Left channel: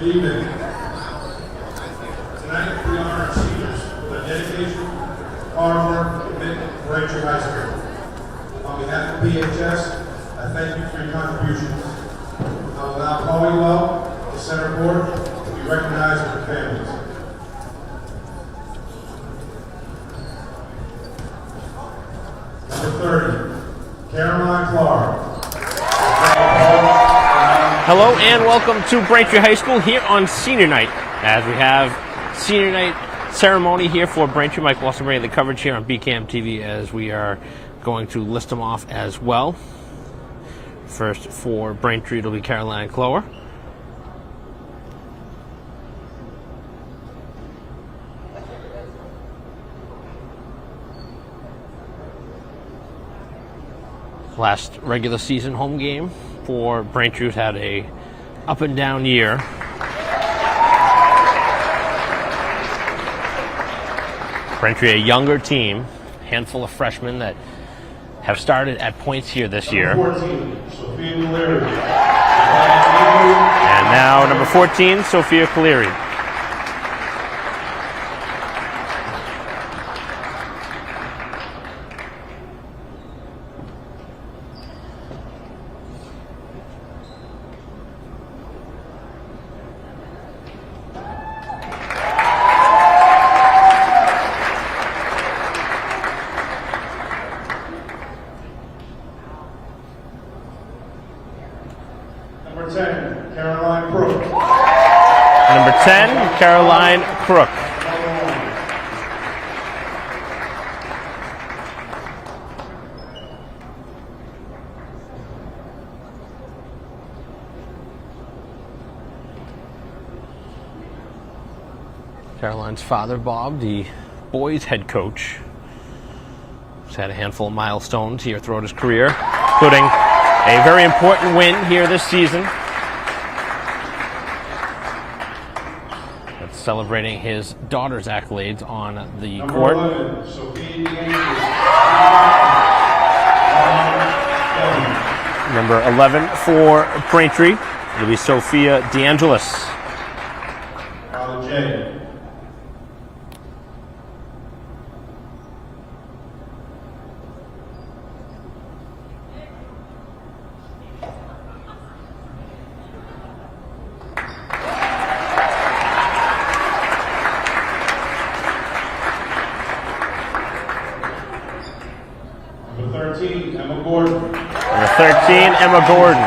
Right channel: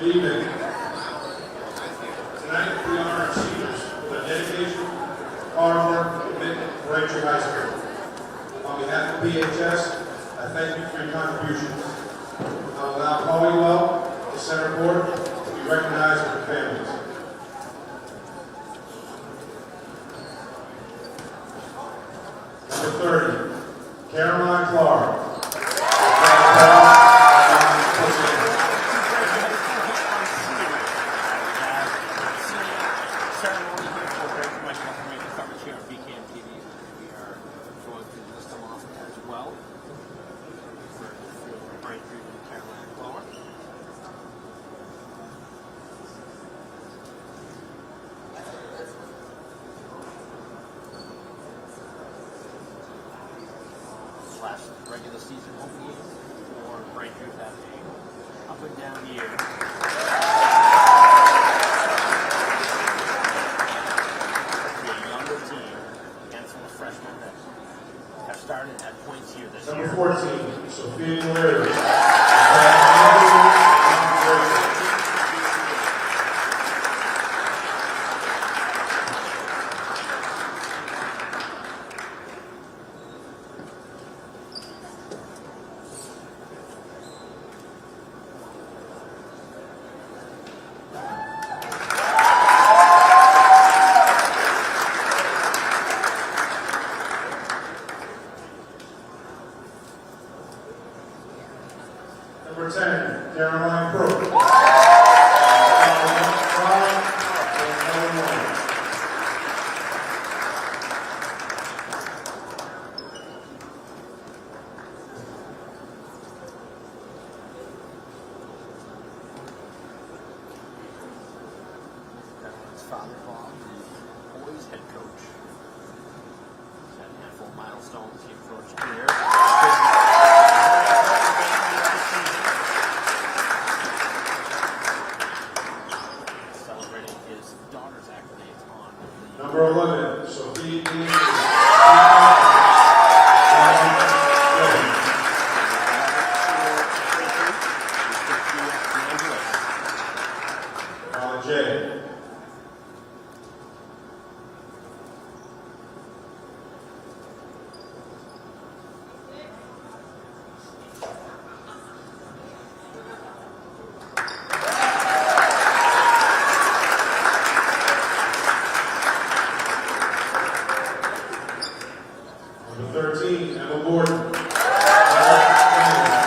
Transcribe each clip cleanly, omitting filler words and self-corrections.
Good evening. Tonight we honor our seniors with their dedication, hard work, and commitment to Braintree High School. On behalf of PHS, I thank you for your contributions. I will now call you up to center court to be recognized with your families. Number 30, Caroline Clark. Hello and welcome to Braintree High School here on Senior Night, as we have Senior Night ceremony here for Braintree. Mike Wilson bringing the coverage here on BCAM TV as we are going to list them off as well. First for Braintree, it'll be Caroline Clower. Last regular season home game for Braintree, who's had a up and down year. Braintree, a younger team, handful of freshmen that have started at points here this year. Number 14, Sophia Cleary. And now number 14, Sophia Cleary. Number 10, Caroline Crook. Number 10, Caroline Crook. Caroline's father, Bob, the boys' head coach, has had a handful of milestones here throughout his career, including a very important win here this season. It's celebrating his daughter's accolades on the court. Number 11, Sophia Number 11 for Braintree will be Sophia DeAngelis. J. Number 13, Emma Gordon. Number 13, Emma Gordon.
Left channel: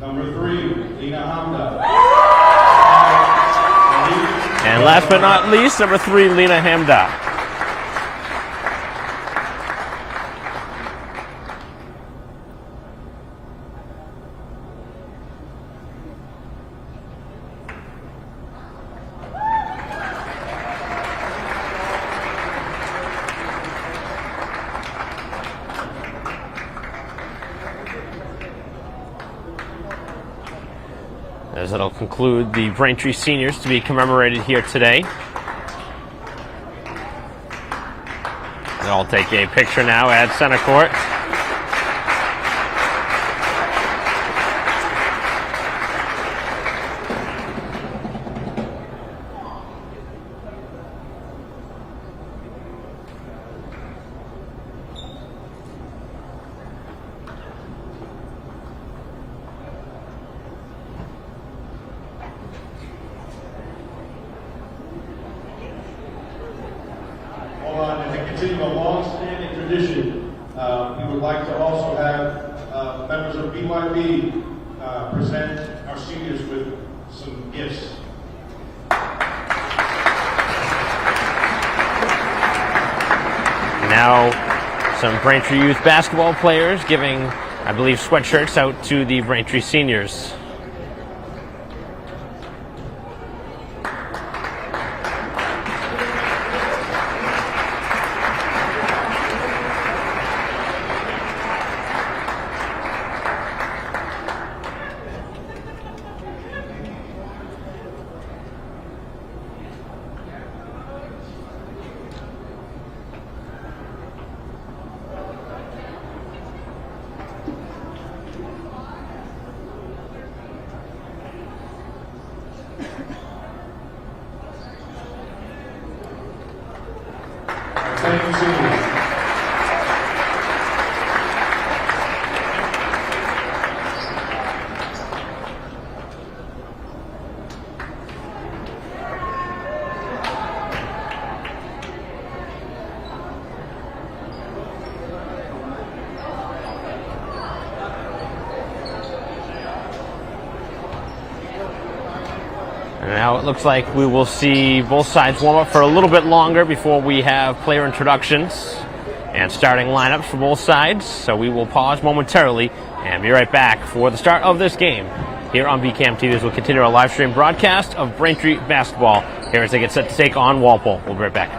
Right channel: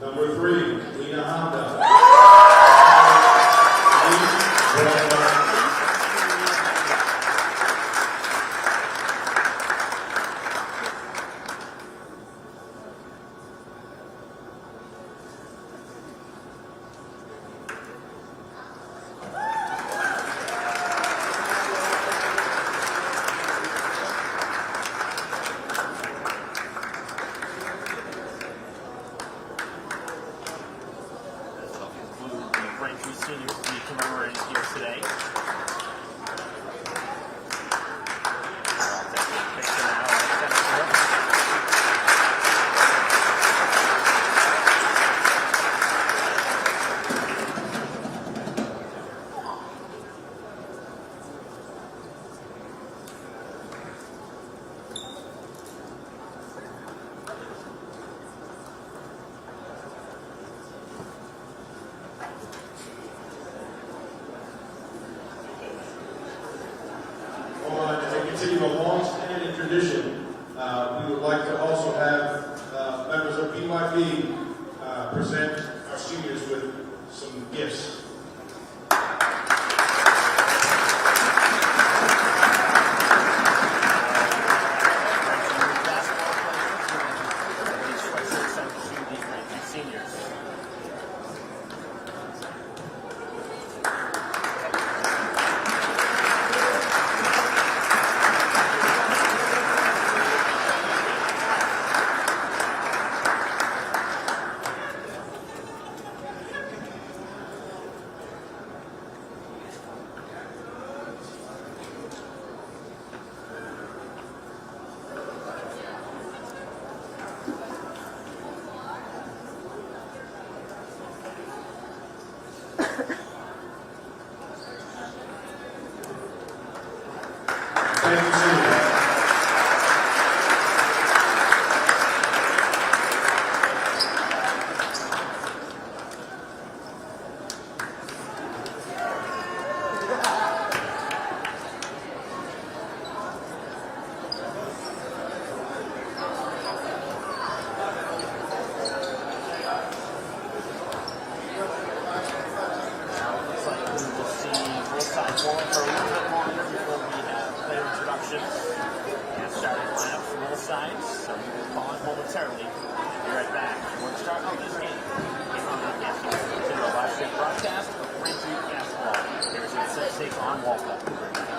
Number 3, Lena Hamda. And last but not least, number 3, Lena Hamda. As it'll conclude the Braintree seniors to be commemorated here today. They'll all take a picture now at center court. As we continue a long-standing tradition, we would like to also have members of BYB present our seniors with some gifts. Now, some Braintree youth basketball players giving, I believe, sweatshirts out to the Braintree seniors. Thank you, seniors. And now it looks like we will see both sides warm up for a little bit longer before we have player introductions and starting lineups for both sides. So we will pause momentarily and be right back for the start of this game here on BCAM TV. As we'll continue our live stream broadcast of Braintree basketball here as they get set to take on Walpole. We'll be right back.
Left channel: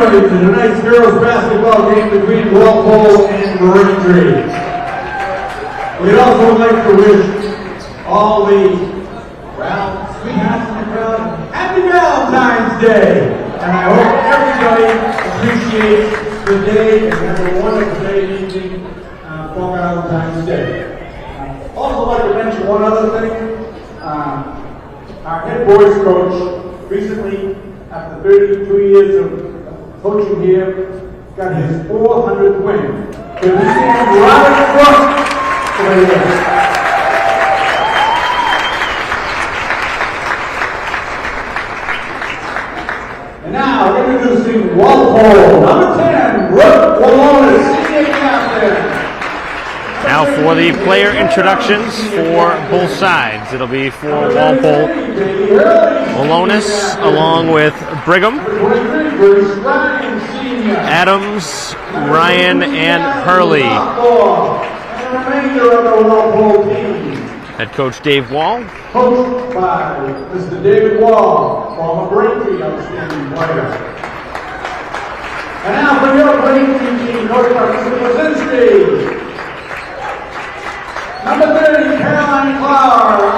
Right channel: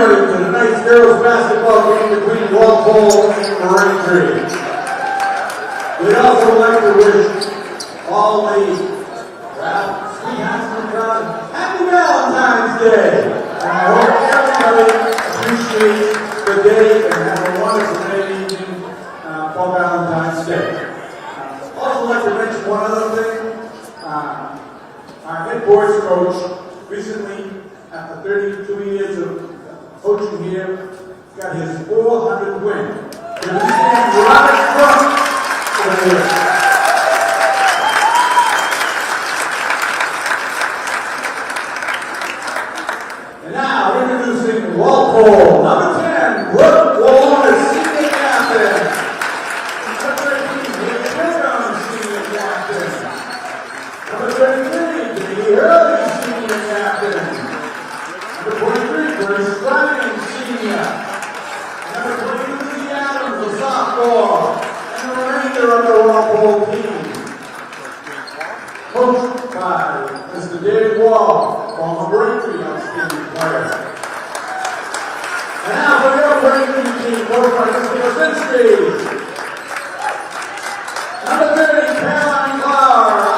everybody to tonight's girls basketball game between Walpole and Braintree. We'd also like to wish all the, well, sweethearts in the crowd, Happy Valentine's Day! And I hope everybody appreciates the day and have a wonderful day and evening for Valentine's Day. Also like to mention one other thing. Our head boys coach recently, after 32 years of coaching here, got his 400th win. Can we stand right in front over here? And now, introducing Walpole, number 10, Brooke Walpole, senior captain. Now for the player introductions for both sides. It'll be for Walpole, Malonis, along with Brigham, Adams, Ryan, and Hurley. Head coach Dave Wall. Coached by Mr. David Wall, former Braintree outstanding player. And now for your Braintree team, coached by Mr. Braintree. Number 30, Caroline Flower.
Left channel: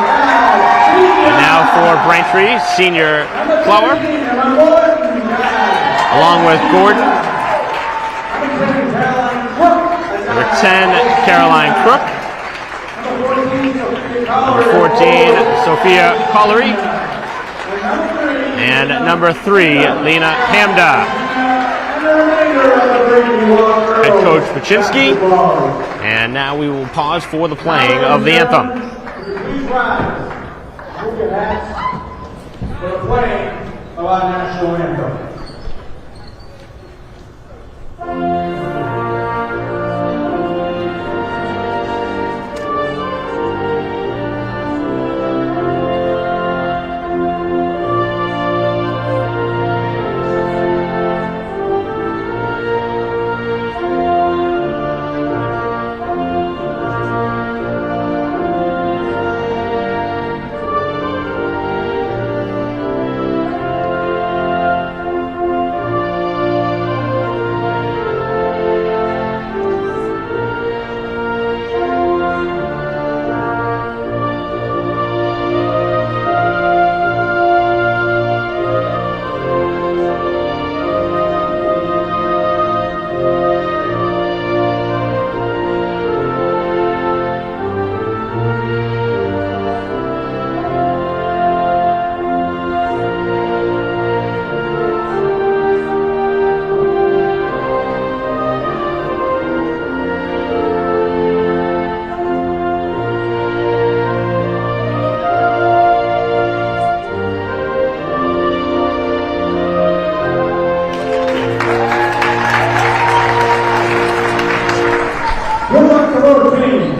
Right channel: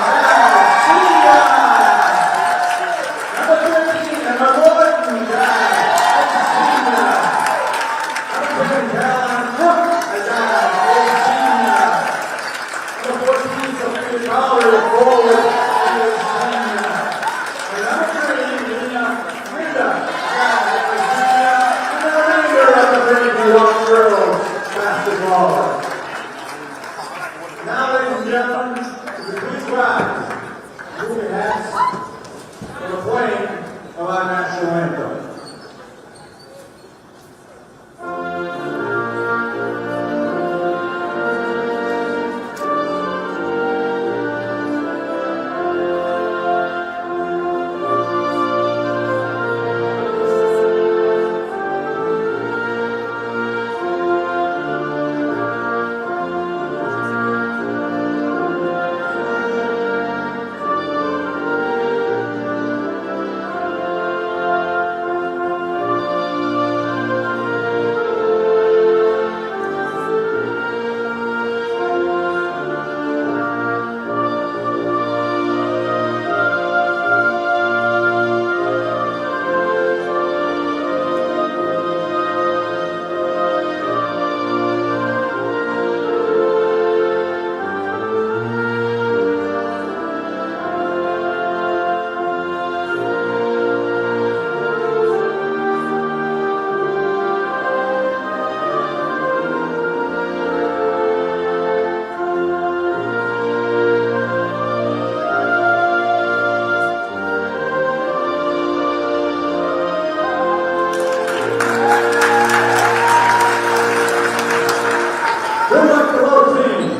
And now for Braintree, senior Flower, along with Gordon. Number 10, Caroline Crook. Number 14, Sophia Collery. And number 3, Lena Hamda. Head coach Paczynski. And now we will pause for the playing of the anthem. For the playing of our national anthem. Good luck to both teams.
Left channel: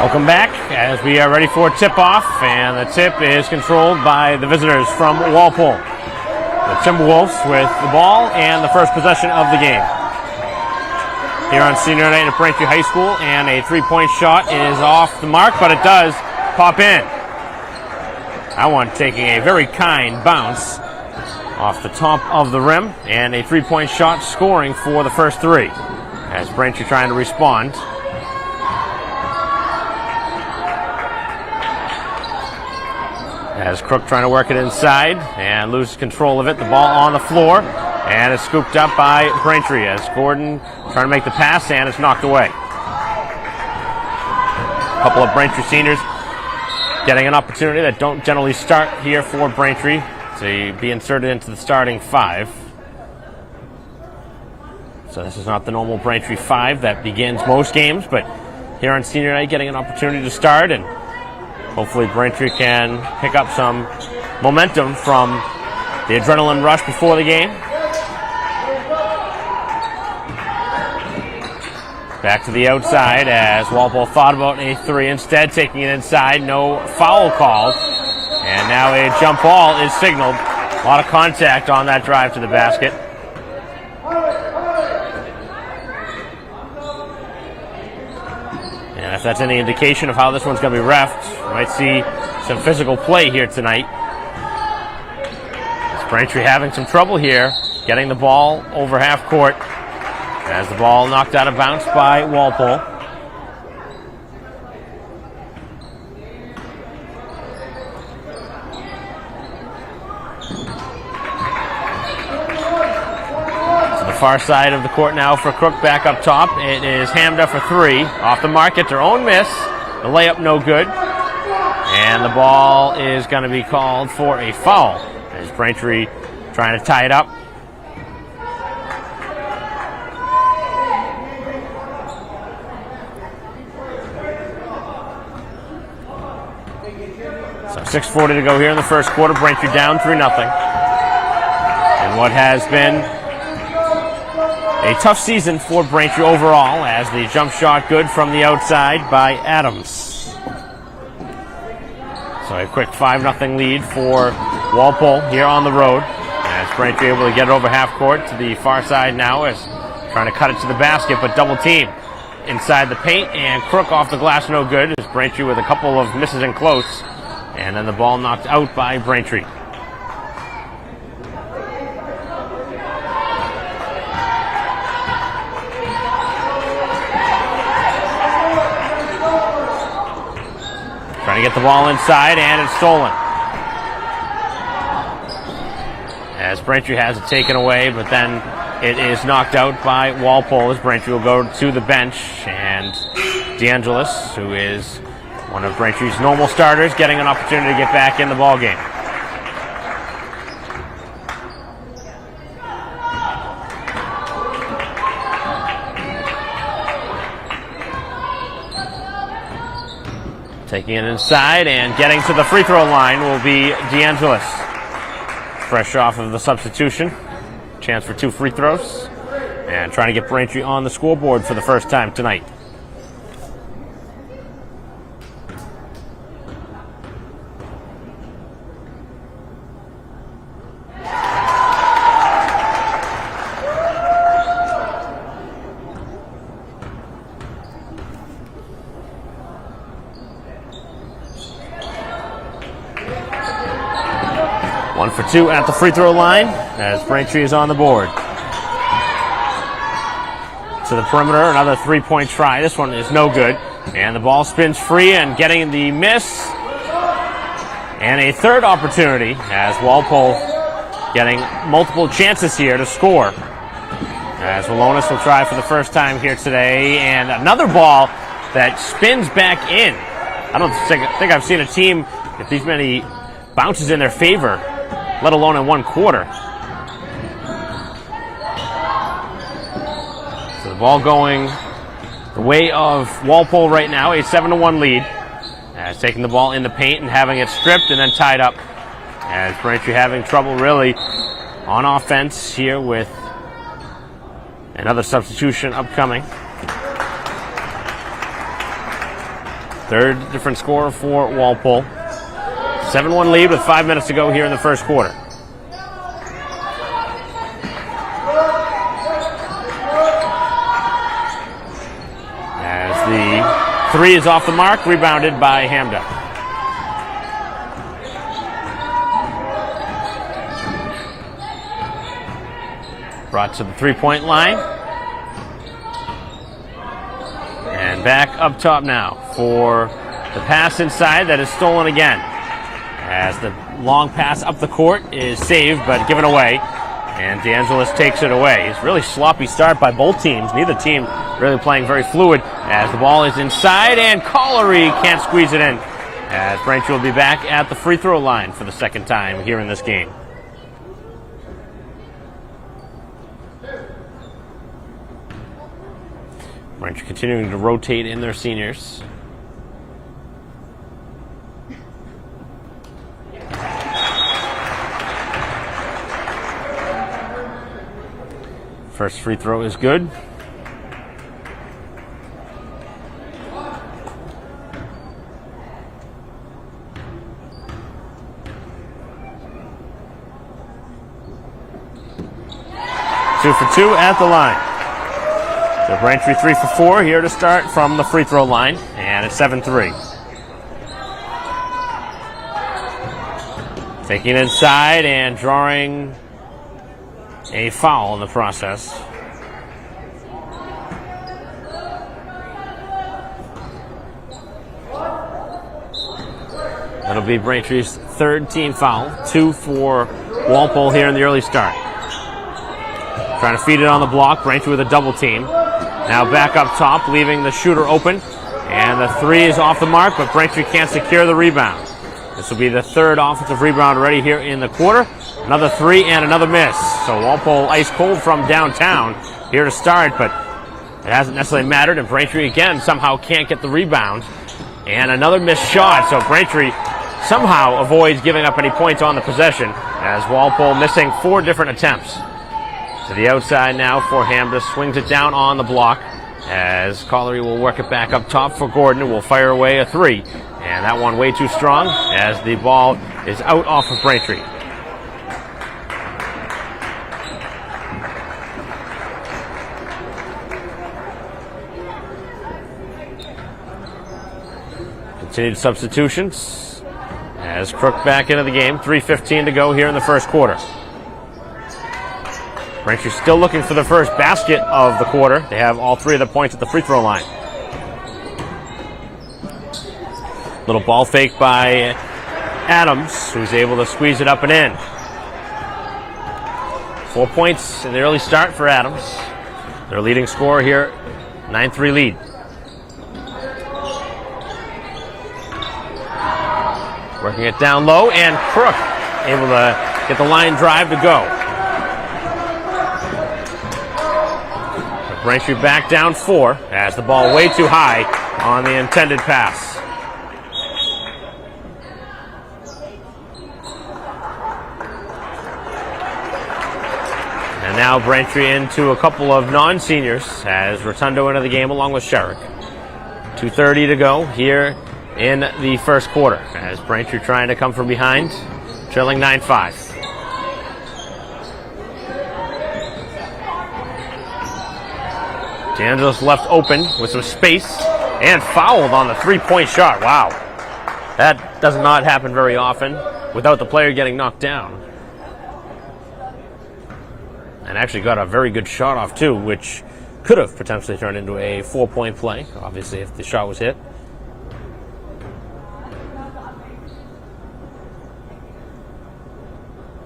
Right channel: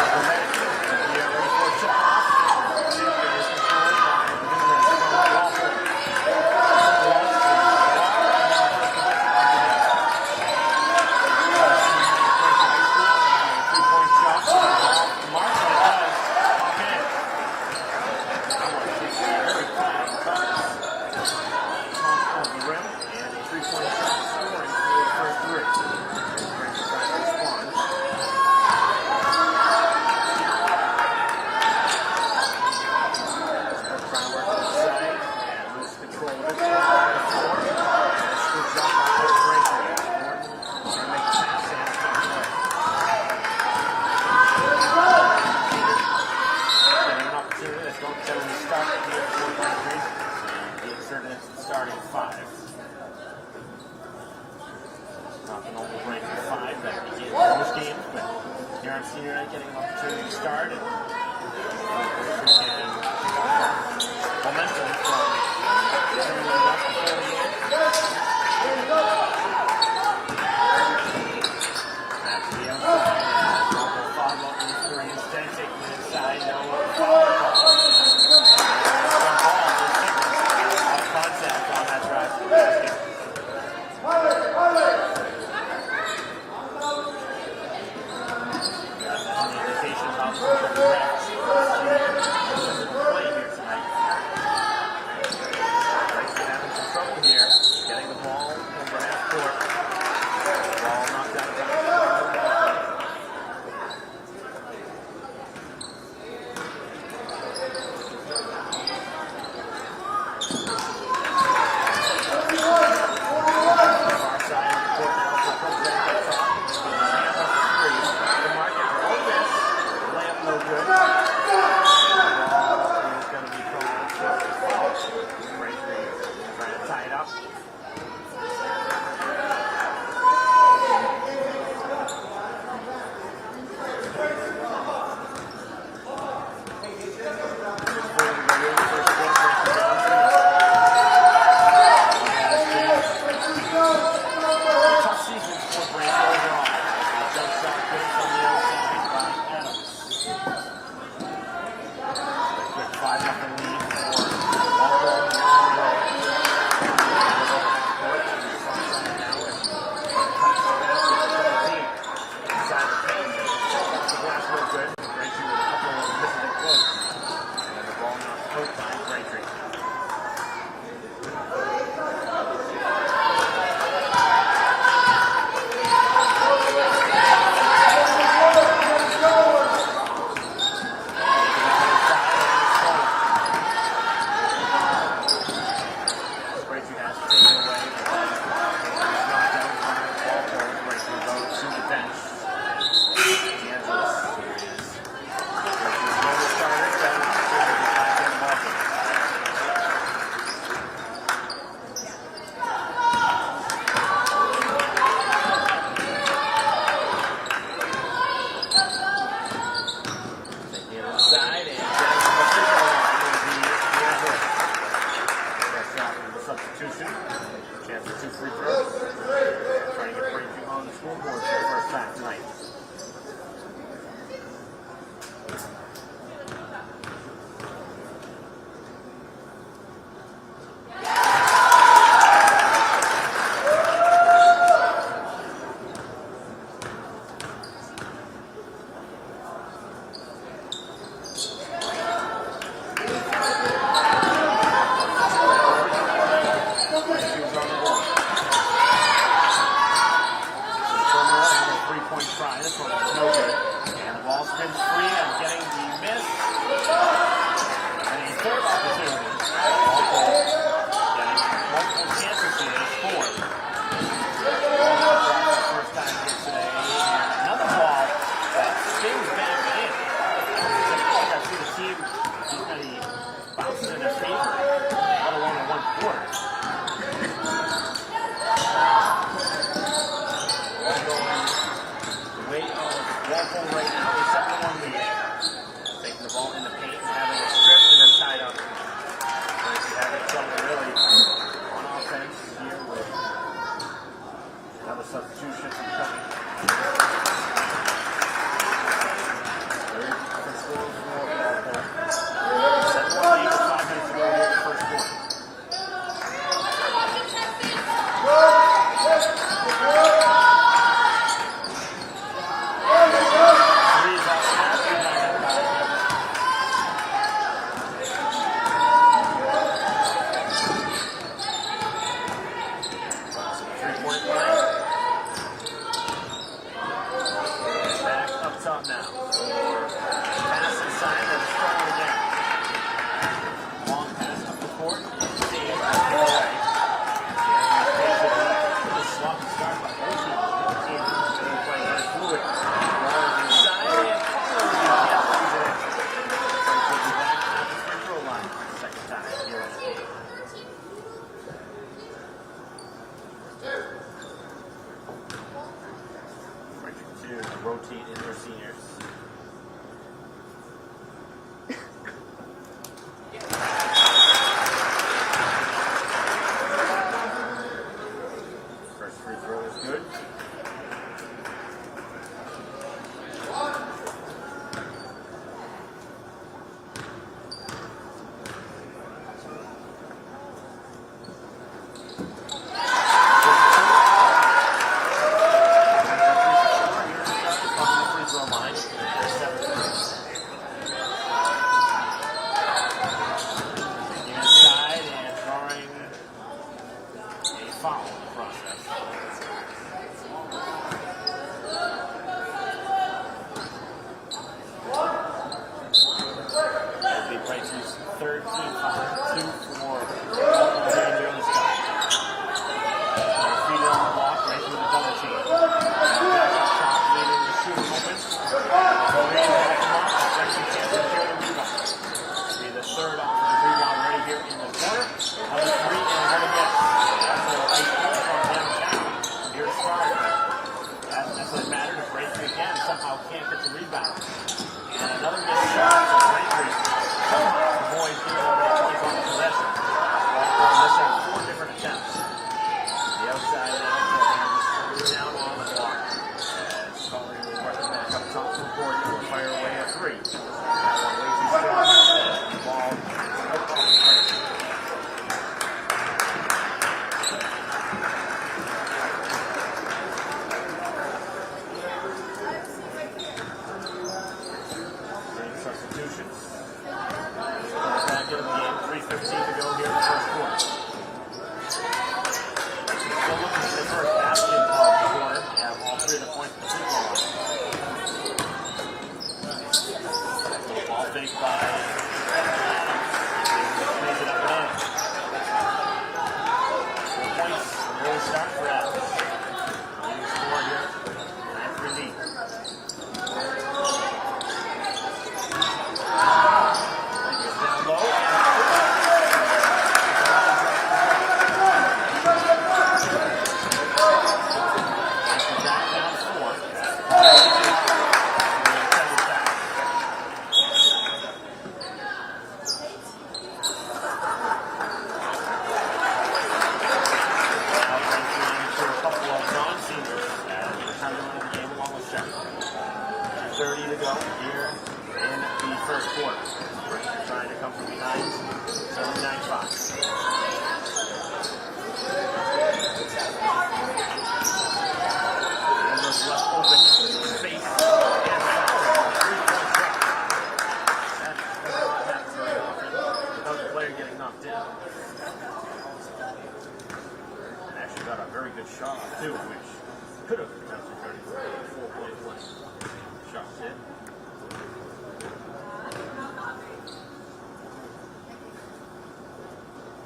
Welcome back as we are ready for tip-off, and the tip is controlled by the visitors from Walpole. The Timberwolves with the ball and the first possession of the game. Here on senior night at Braintree High School, and a three-point shot is off the mark, but it does pop in. That one taking a very kind bounce off the top of the rim, and a three-point shot scoring for the first three. As Braintree trying to respond. As Crook trying to work it inside and loses control of it. The ball on the floor and is scooped up by Braintree as Gordon trying to make the pass and it's knocked away. A couple of Braintree seniors getting an opportunity that don't generally start here for Braintree to be inserted into the starting five. So this is not the normal Braintree five that begins most games, but here on senior night getting an opportunity to start, and hopefully Braintree can pick up some momentum from the adrenaline rush before the game. Back to the outside as Walpole thought about a three, instead taking it inside, no foul called. And now a jump ball is signaled. A lot of contact on that drive to the basket. And if that's any indication of how this one's going to be reffed, we might see some physical play here tonight. Braintree having some trouble here, getting the ball over half court. As the ball knocked out of bounds by Walpole. The far side of the court now for Crook back up top. It is Hamda for three. Off the mark, it's their own miss. The layup no good. And the ball is going to be called for a foul. As Braintree trying to tie it up. So 6:40 to go here in the first quarter. Braintree down 3-0. And what has been a tough season for Braintree overall, as the jump shot good from the outside by Adams. So a quick 5-0 lead for Walpole here on the road. As Braintree able to get it over half court to the far side now, is trying to cut it to the basket, but double team inside the paint, and Crook off the glass no good. As Braintree with a couple of misses in close, and then the ball knocked out by Braintree. Trying to get the ball inside, and it's stolen. As Braintree has it taken away, but then it is knocked out by Walpole, as Braintree will go to the bench, and DeAngelis, who is one of Braintree's normal starters, getting an opportunity to get back in the ball game. Taking it inside and getting to the free throw line will be DeAngelis. Fresh off of the substitution. Chance for 2 free throws. And trying to get Braintree on the scoreboard for the first time tonight. For 2 at the free throw line as Braintree is on the board. To the perimeter, another 3-point try. This one is no good. And the ball spins free and getting the miss. And a third opportunity as Walpole getting multiple chances here to score. As Alonis will try for the first time here today. And another ball that spins back in. I don't think I've seen a team with these many bounces in their favor, let alone in one quarter. So the ball going the way of Walpole right now, a 7-1 lead. As taking the ball in the paint and having it stripped and then tied up. As Braintree having trouble really on offense here with another substitution upcoming. Third different scorer for Walpole. 7-1 lead with 5 minutes to go here in the first quarter. As the 3 is off the mark, rebounded by Hamda. Brought to the 3-point line. And back up top now for the pass inside that is stolen again. as the long pass up the court is saved but given away. And DeAngelis takes it away. It's really sloppy start by both teams. Neither team really playing very fluid as the ball is inside and Collery can't squeeze it in. As Braintree will be back at the free throw line for the second time here in this game. Braintree continuing to rotate in their seniors. First free throw is good. Two for two at the line. So Braintree 3 for 4 here to start from the free throw line, and it's 7-3. Taking inside and drawing a foul in the process. That'll be Braintree's third team foul. 2 for Walpole here in the early start. Trying to feed it on the block. Braintree with a double team. Now back up top, leaving the shooter open. And the three is off the mark, but Braintree can't secure the rebound. This will be the third offensive rebound already here in the quarter. Another three and another miss. So Walpole ice cold from downtown here to start, but it hasn't necessarily mattered. And Braintree again somehow can't get the rebound. And another missed shot. So Braintree somehow avoids giving up any points on the possession as Walpole missing 4 different attempts. To the outside now for Hamda, swings it down on the block as Collery will work it back up top for Gordon, who will fire away a 3. And that one way too strong as the ball is out off of Braintree. Continued substitutions as Crook back into the game. 3:15 to go here in the first quarter. Braintree still looking for the first basket of the quarter. They have all 3 of the points at the free throw line. Little ball fake by Adams, who's able to squeeze it up and in. 4 points in the early start for Adams. Their leading scorer here, 9-3 lead. Working it down low, and Crook able to get the line drive to go. Braintree back down 4 as the ball way too high on the intended pass. And now Braintree into a couple of non-seniors as Rotundo into the game along with Sherrick. 2:30 to go here in the first quarter as Braintree trying to come from behind, trailing 9-5. DeAngelis left open with some space and fouled on the 3-point shot. Wow. That does not happen very often without the player getting knocked down. And actually got a very good shot off too, which could have potentially turned into a 4-point play, obviously if the shot was hit.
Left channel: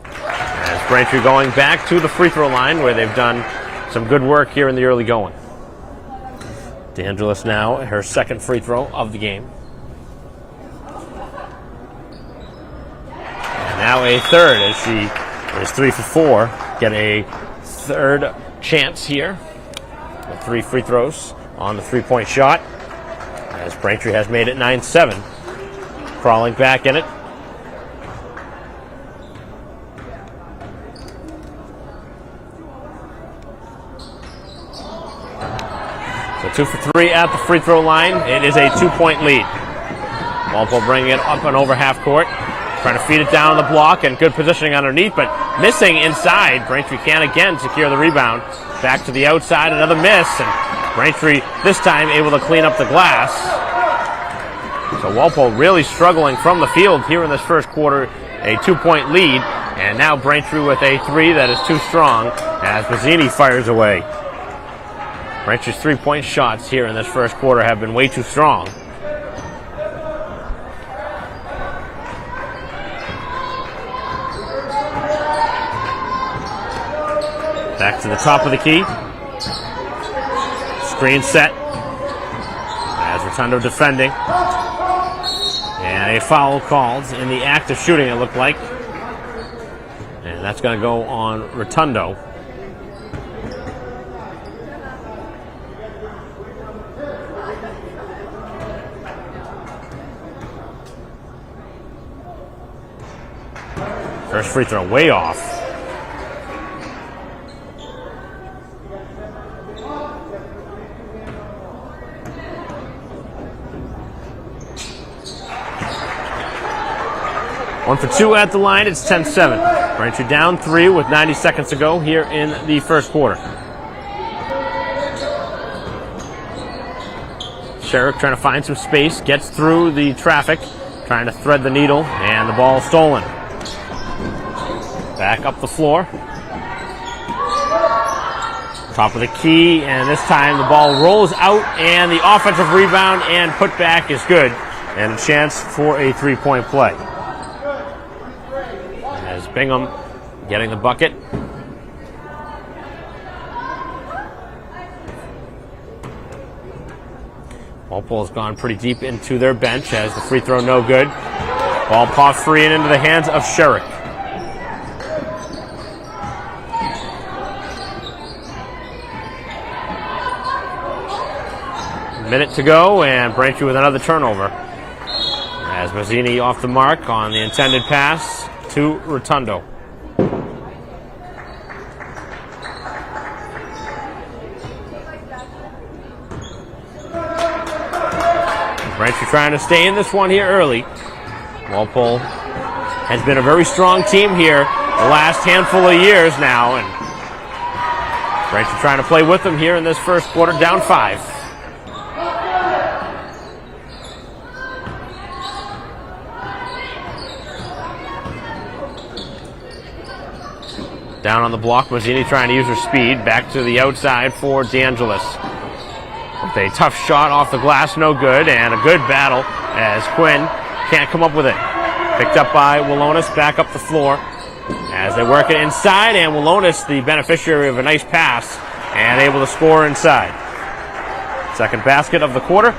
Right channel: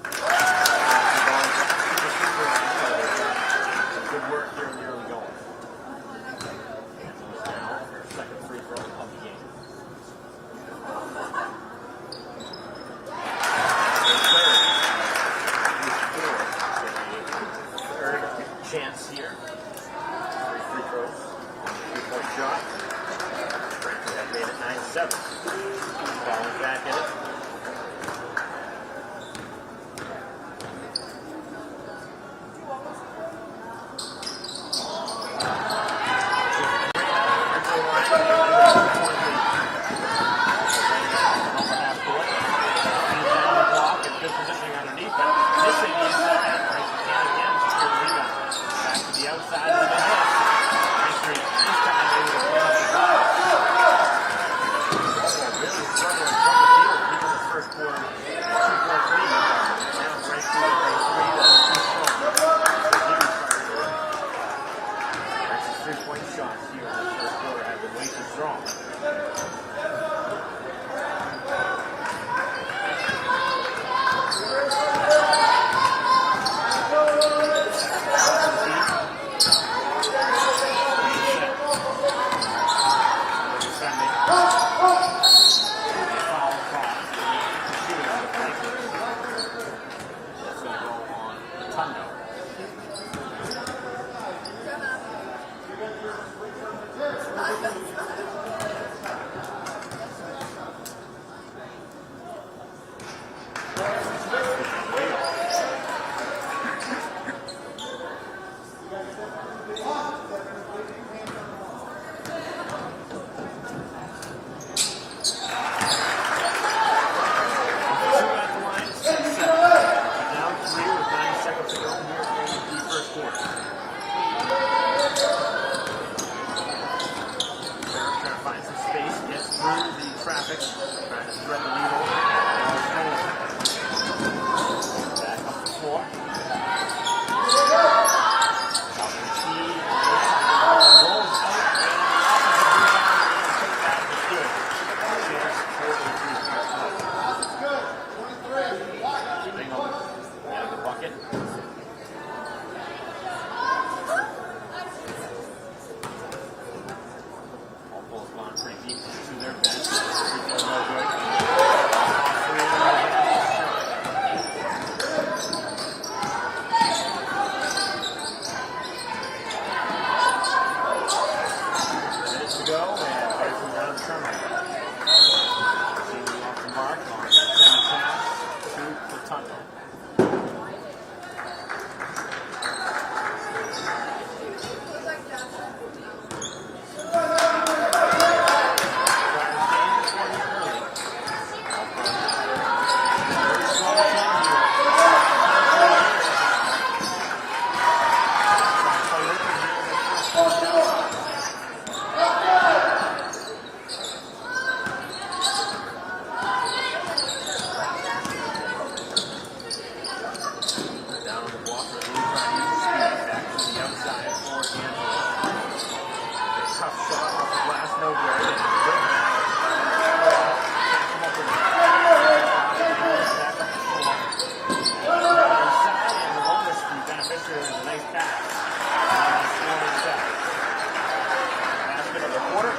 As Braintree going back to the free throw line where they've done some good work here in the early going. DeAngelis now, her second free throw of the game. And now a third as she is 3 for 4. Get a third chance here. 3 free throws on the 3-point shot. As Braintree has made it 9-7. Crawling back in it. So 2 for 3 at the free throw line. It is a 2-point lead. Walpole bringing it up and over half court. Trying to feed it down the block and good positioning underneath, but missing inside. Braintree can again secure the rebound. Back to the outside, another miss, and Braintree this time able to clean up the glass. So Walpole really struggling from the field here in this first quarter. A 2-point lead, and now Braintree with a 3 that is too strong as Bazzini fires away. Braintree's 3-point shots here in this first quarter have been way too strong. Back to the top of the key. Screen set. As Rotundo defending. And a foul called in the act of shooting, it looked like. And that's going to go on Rotundo. First free throw way off. One for two at the line. It's 10-7. Braintree down 3 with 90 seconds to go here in the first quarter. Sherrick trying to find some space, gets through the traffic, trying to thread the needle, and the ball stolen. Back up the floor. Top of the key, and this time the ball rolls out, and the offensive rebound and putback is good, and a chance for a three-point play. As Bingham getting the bucket. Walpole's gone pretty deep into their bench as the free throw no good. Ball popped free and into the hands of Sherrick. Minute to go, and Braintree with another turnover. As Mazzini off the mark on the intended pass to Rotundo. Braintree trying to stay in this one here early. Walpole has been a very strong team here the last handful of years now, and Braintree trying to play with them here in this first quarter, down 5. Down on the block, Mazzini trying to use her speed. Back to the outside for DeAngelis. A tough shot off the glass, no good, and a good battle as Quinn can't come up with it. Picked up by Walonis, back up the floor as they work it inside, and Walonis, the beneficiary of a nice pass, and able to score inside. Second basket of the quarter,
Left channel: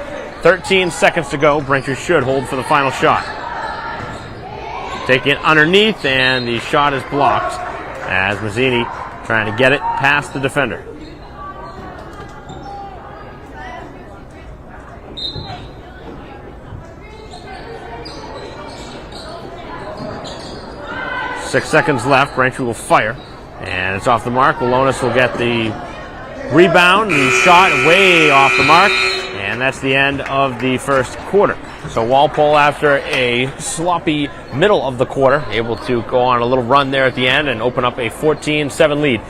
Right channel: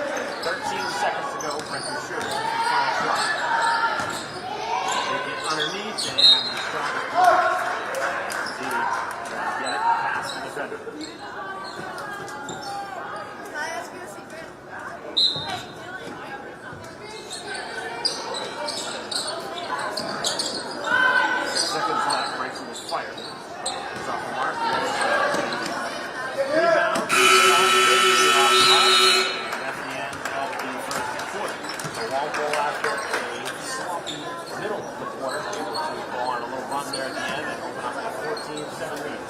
13 seconds to go. Braintree should hold for the final shot. Taking it underneath, and the shot is blocked as Mazzini trying to get it past the defender. Six seconds left. Braintree will fire, and it's off the mark. Walonis will get the rebound. The shot way off the mark, and that's the end of the first quarter. So Walpole, after a sloppy middle of the quarter, able to go on a little run there at the end and open up a 14-7 lead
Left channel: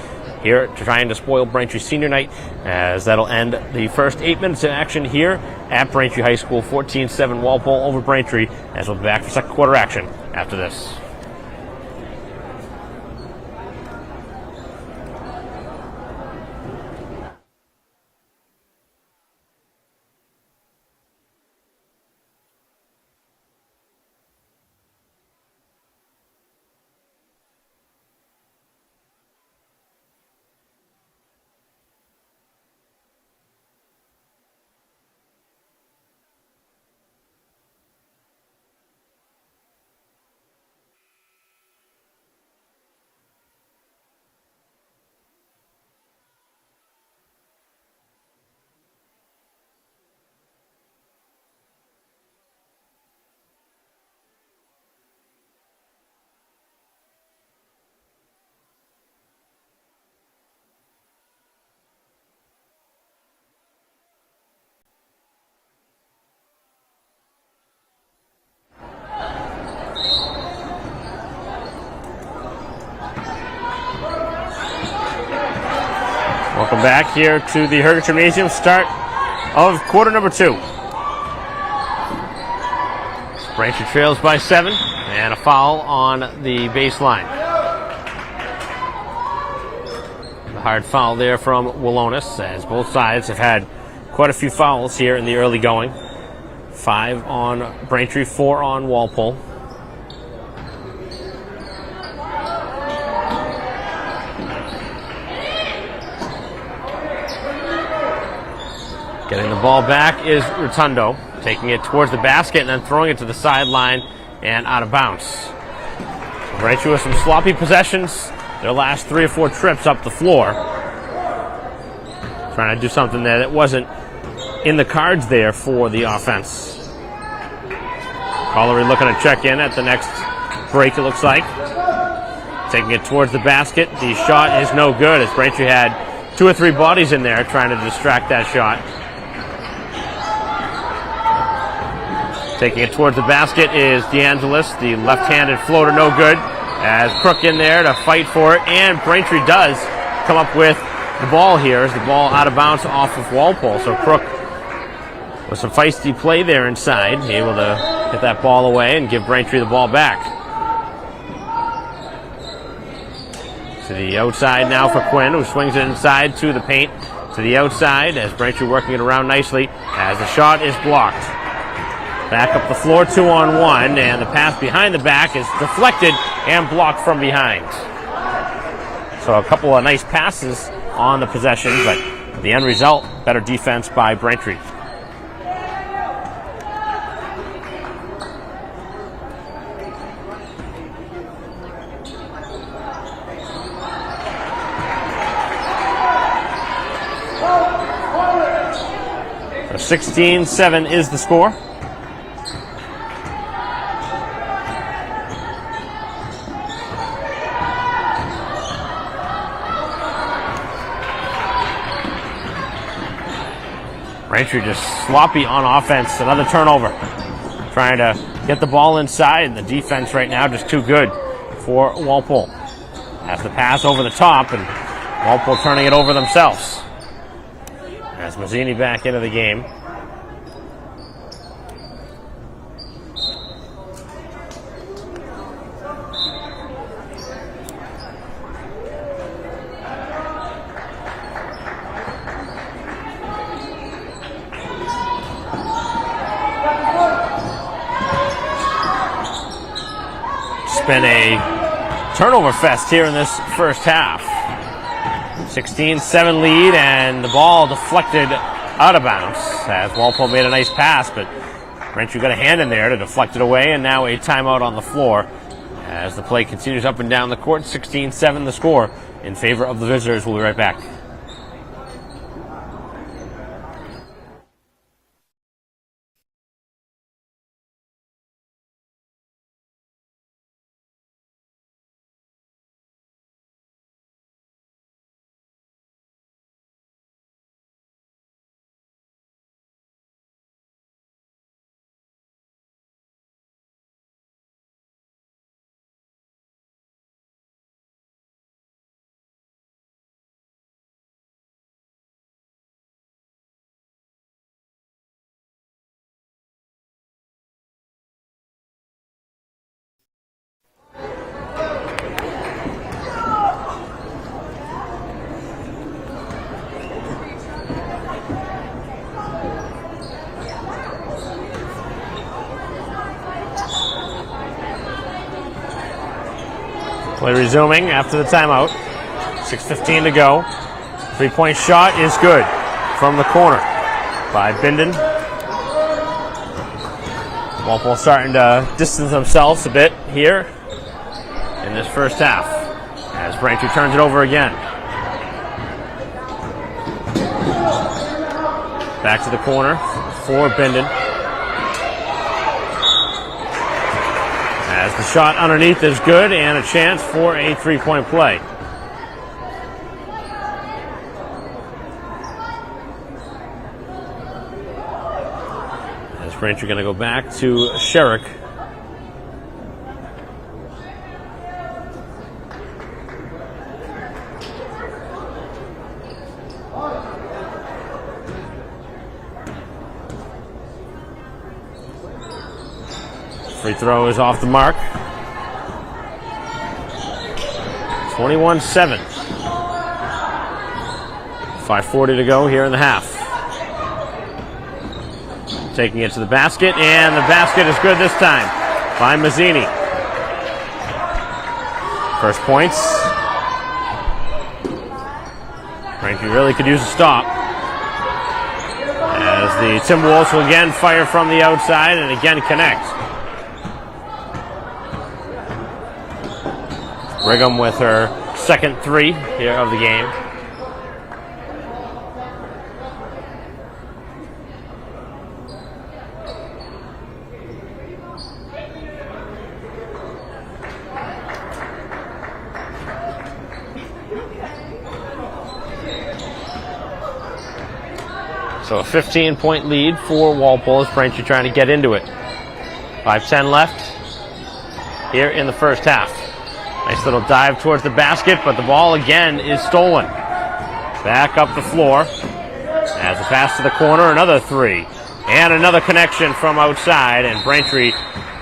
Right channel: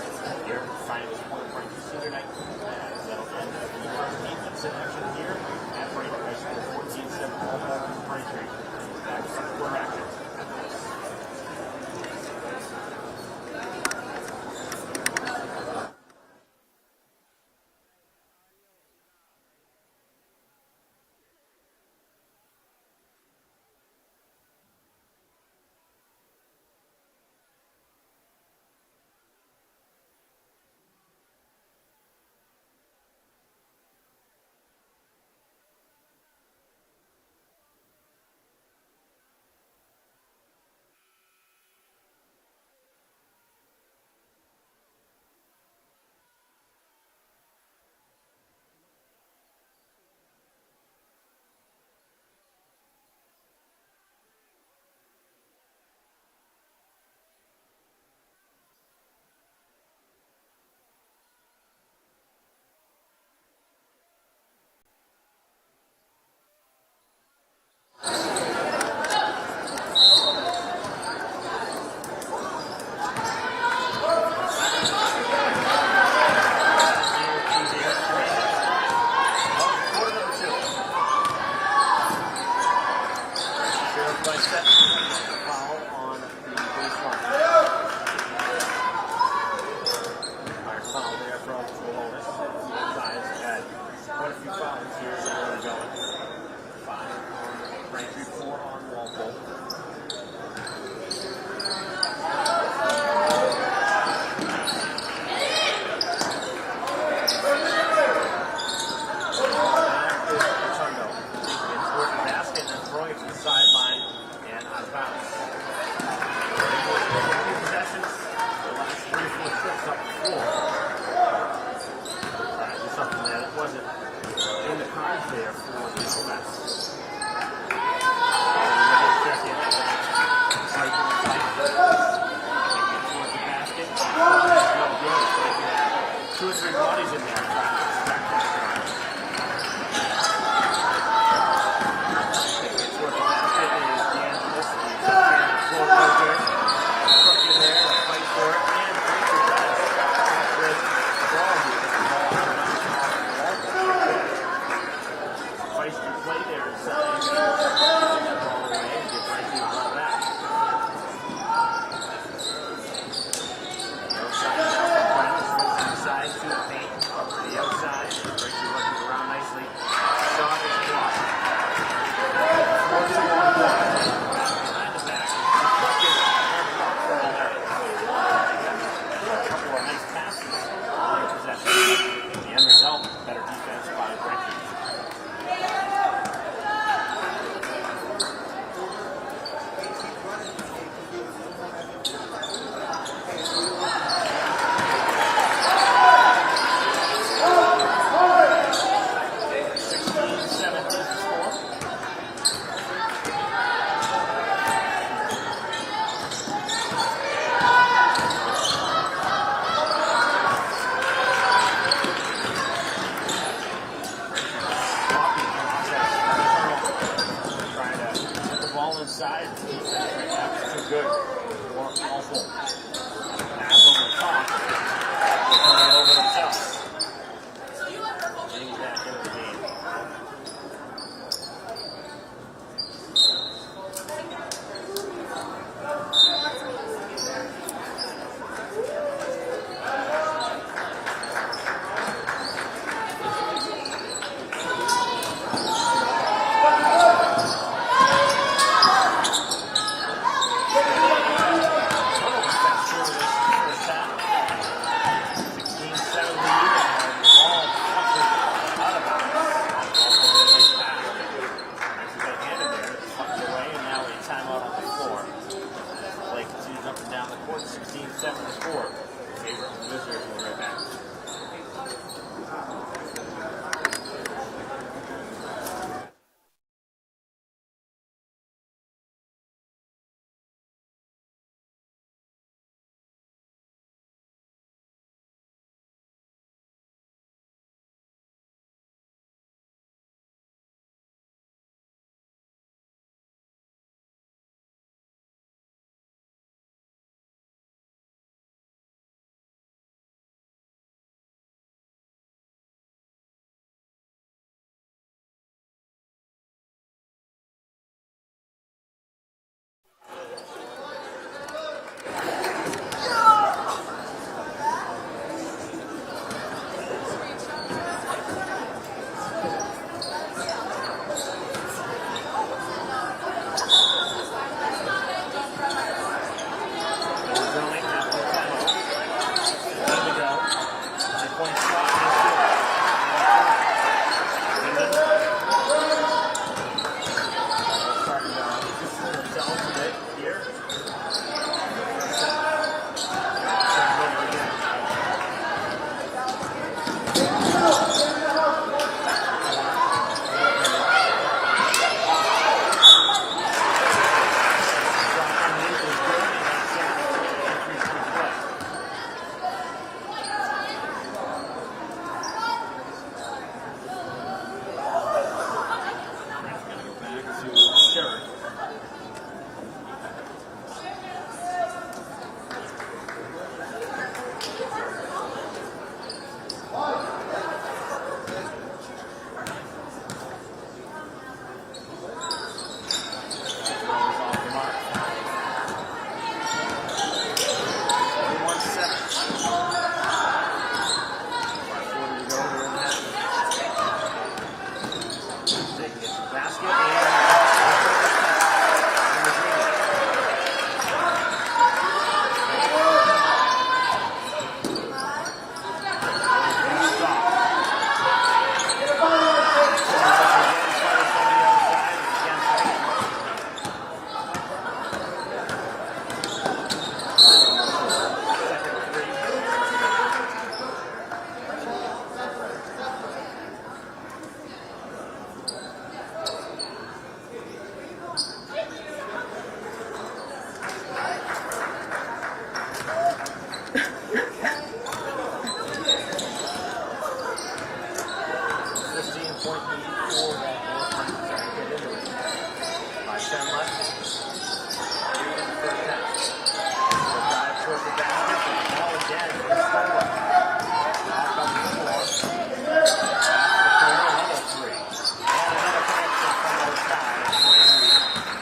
here, trying to spoil Braintree senior night, as that'll end the first 8 minutes of action here at Braintree High School. 14-7 Walpole over Braintree, as we'll be back for second quarter action after this. Welcome back here to the Herger Gymnasium, start of quarter number 2. Braintree trails by 7, and a foul on the baseline. A hard foul there from Walonis, as both sides have had quite a few fouls here in the early going. 5 on Braintree, 4 on Walpole. Getting the ball back is Rotundo, taking it towards the basket and then throwing it to the sideline and out of bounds. Braintree with some sloppy possessions their last 3 or 4 trips up the floor. Trying to do something that wasn't in the cards there for the offense. Collery looking to check in at the next break, it looks like. Taking it towards the basket. The shot is no good as Braintree had 2 or 3 bodies in there trying to distract that shot. Taking it towards the basket is DeAngelis. The left-handed floater no good. As Crook in there to fight for it, and Braintree does come up with the ball here as the ball out of bounds off of Walpole. So Crook with some feisty play there inside, able to get that ball away and give Braintree the ball back. To the outside now for Quinn, who swings it inside to the paint. To the outside as Braintree working it around nicely as the shot is blocked. Back up the floor, 2-on-1, and the pass behind the back is deflected and blocked from behind. So a couple of nice passes on the possession, but the end result, better defense by Braintree. So 16-7 is the score. Braintree just sloppy on offense. Another turnover. Trying to get the ball inside, and the defense right now just too good for Walpole. Has the pass over the top, and Walpole turning it over themselves. As Mazzini back into the game. Been a turnover fest here in this first half. 16-7 lead, and the ball deflected out of bounds as Walpole made a nice pass, but Braintree got a hand in there to deflect it away, and now a timeout on the floor as the play continues up and down the court. 16-7 the score in favor of the visitors. We'll be right back. Play resuming after the timeout. 6:15 to go. 3-point shot is good from the corner by Bindon. Walpole starting to distance themselves a bit here in this first half as Braintree turns it over again. Back to the corner for Bindon. As the shot underneath is good and a chance for a 3-point play. Braintree going to go back to Sherrick. Free throw is off the mark. 21-7. 5:40 to go here in the half. Taking it to the basket, and the basket is good this time by Mazzini. First points. Braintree really could use a stop. the Timberwolves will again fire from the outside and again connect. Brigham with her second three here of the game. So a 15-point lead for Walpole as Braintree trying to get into it. 5:10 left here in the first half. Nice little dive towards the basket, but the ball again is stolen. Back up the floor. As a pass to the corner, another three. And another connection from outside, and Braintree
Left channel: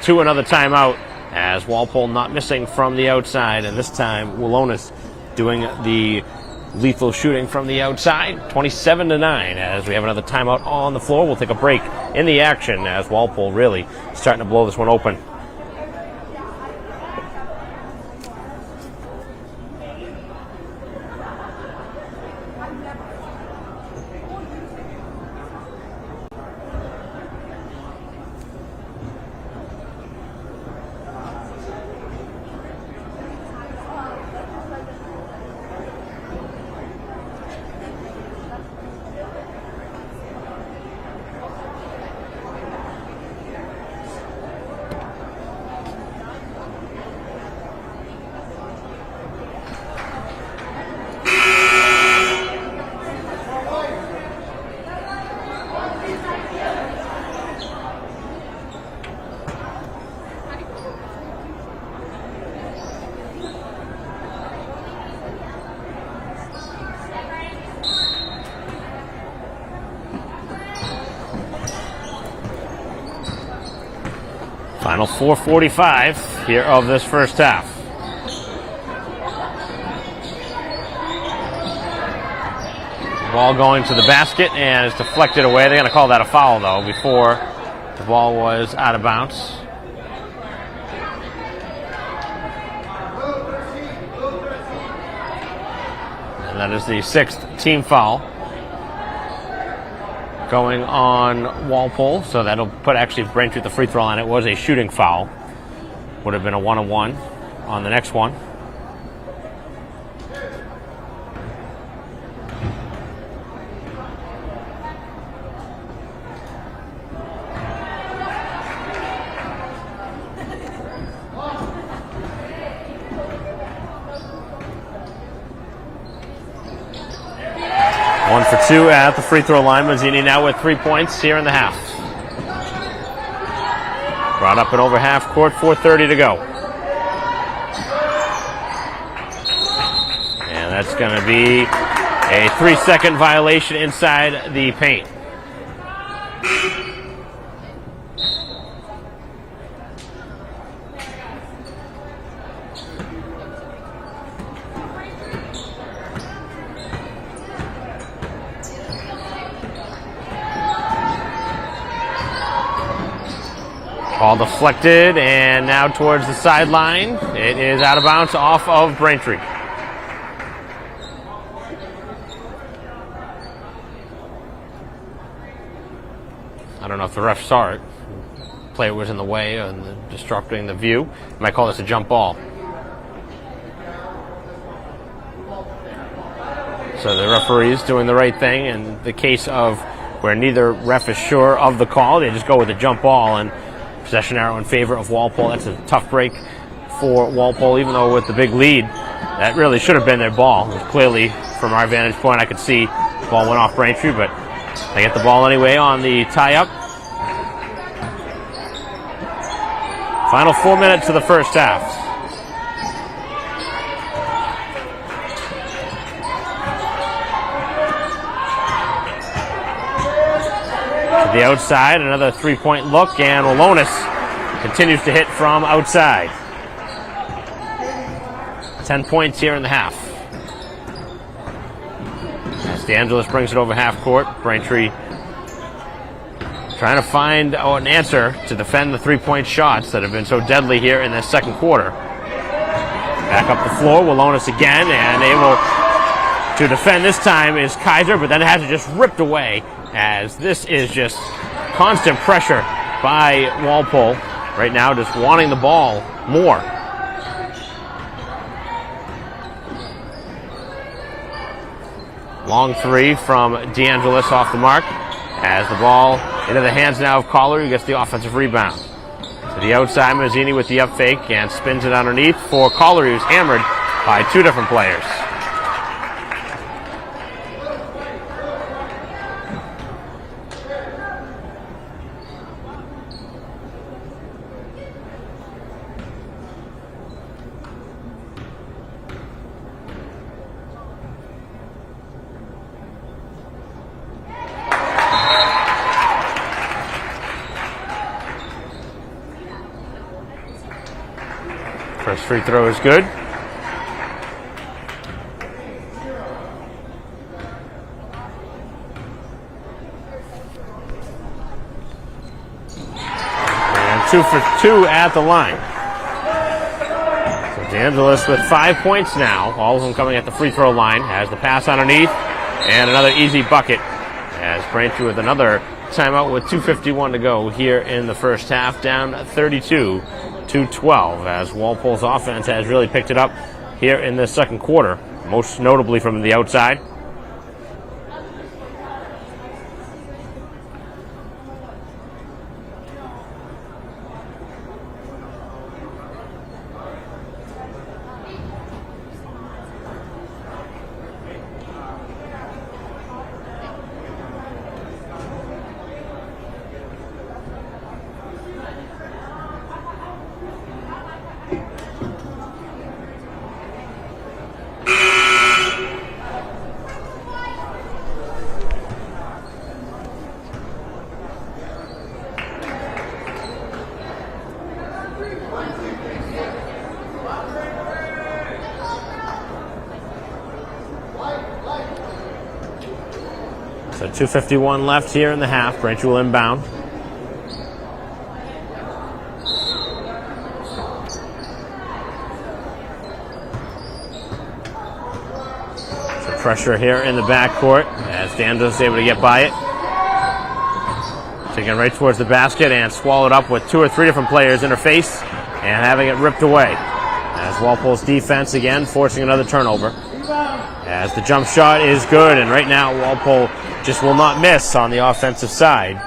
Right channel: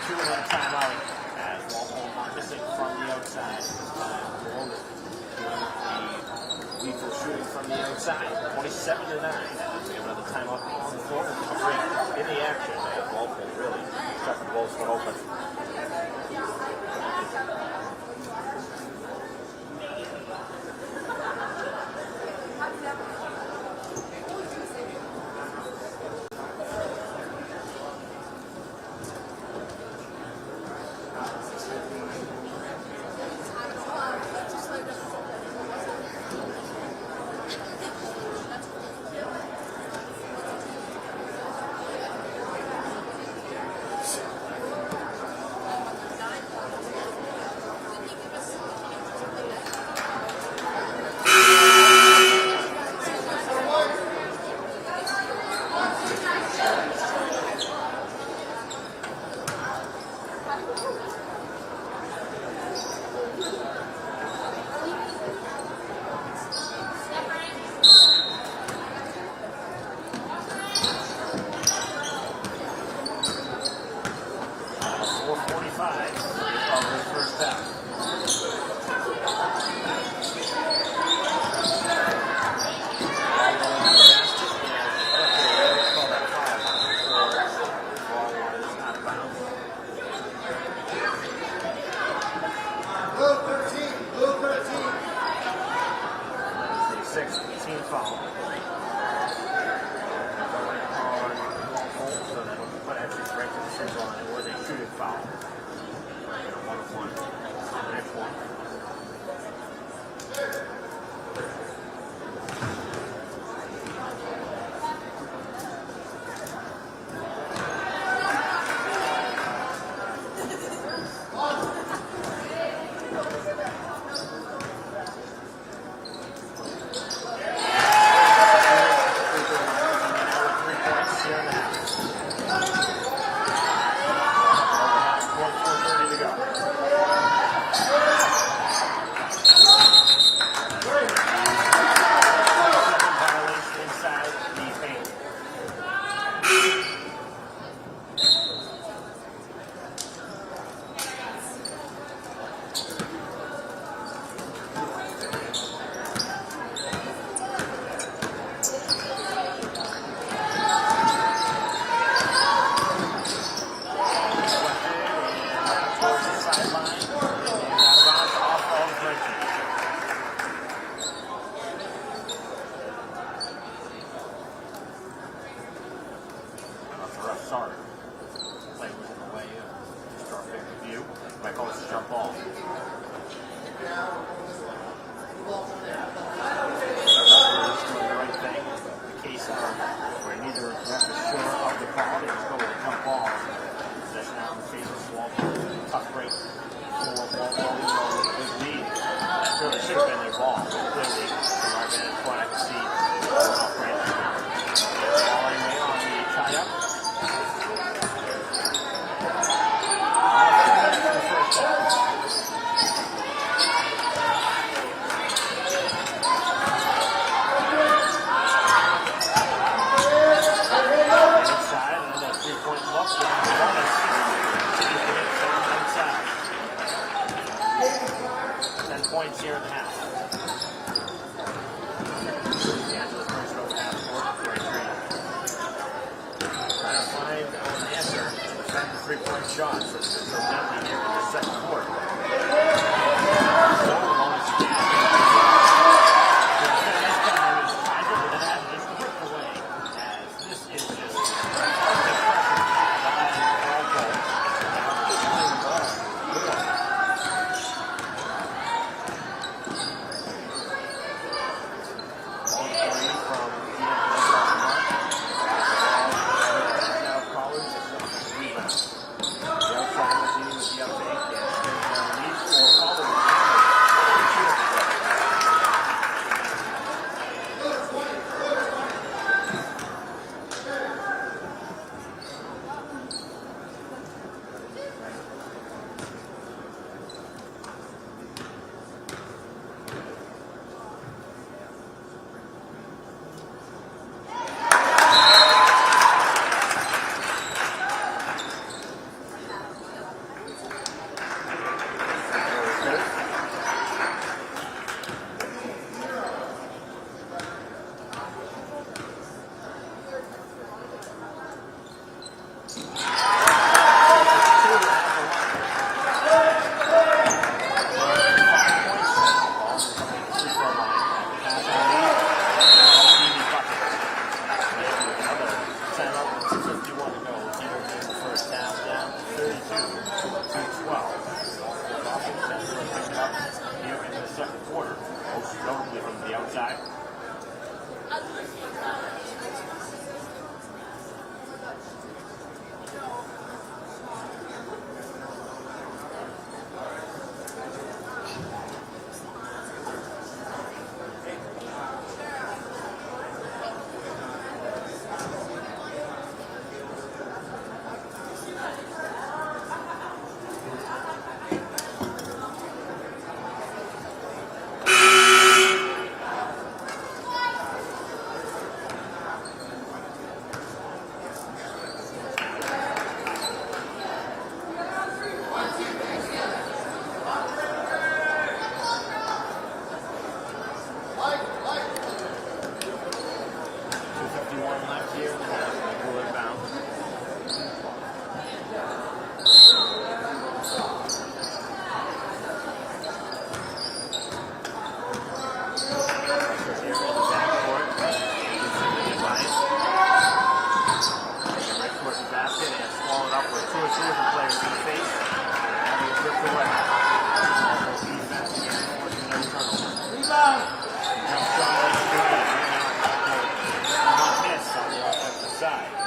to another timeout as Walpole not missing from the outside, and this time Willonis doing the lethal shooting from the outside. 27-9 as we have another timeout on the floor. We'll take a break in the action as Walpole really starting to blow this one open. Final 4:45 here of this first half. Ball going to the basket and it's deflected away. They're going to call that a foul, though, before the ball was out of bounds. And that is the sixth team foul going on Walpole, so that'll put actually Braintree at the free throw line. It was a shooting foul. Would have been a 1-on-1 on the next one. Two at the free throw line. Mazzini now with 3 points here in the half. Brought up and over half court, 4:30 to go. And that's going to be a 3-second violation inside the paint. Ball deflected, and now towards the sideline. It is out of bounds off of Braintree. I don't know if the ref saw it. Player was in the way and disrupting the view. Might call this a jump ball. So the referee's doing the right thing. In the case of where neither ref is sure of the call, they just go with a jump ball, and possession arrow in favor of Walpole. That's a tough break for Walpole, even though with the big lead, that really should have been their ball. Clearly, from our vantage point, I could see the ball went off Braintree, but they get the ball anyway on the tie-up. Final 4 minutes of the first half. The outside, another three-point look, and Willonis continues to hit from outside. 10 points here in the half. DeAngelis brings it over half court. Braintree trying to find an answer to defend the three-point shots that have been so deadly here in this second quarter. Back up the floor, Willonis again, and able To defend this time is Kaiser, but then it has it just ripped away, as this is just constant pressure by Walpole right now, just wanting the ball more. Long three from DeAngelis off the mark. Has the ball into the hands now of Collar, who gets the offensive rebound. To the outside, Mazzini with the up fake and spins it underneath for Collar, who's hammered by two different players. First free throw is good. And 2 for 2 at the line. DeAngelis with 5 points now, all of them coming at the free throw line. Has the pass underneath, and another easy bucket. As Braintree with another timeout with 2:51 to go here in the first half, down 32-12, as Walpole's offense has really picked it up here in the second quarter, most notably from the outside. So 2:51 left here in the half. Braintree will inbound. Pressure here in the backcourt as DeAngelis is able to get by it. Taking it right towards the basket and swallowed up with 2 or 3 different players in her face and having it ripped away. As Walpole's defense again forcing another turnover. As the jump shot is good, and right now Walpole just will not miss on the offensive side.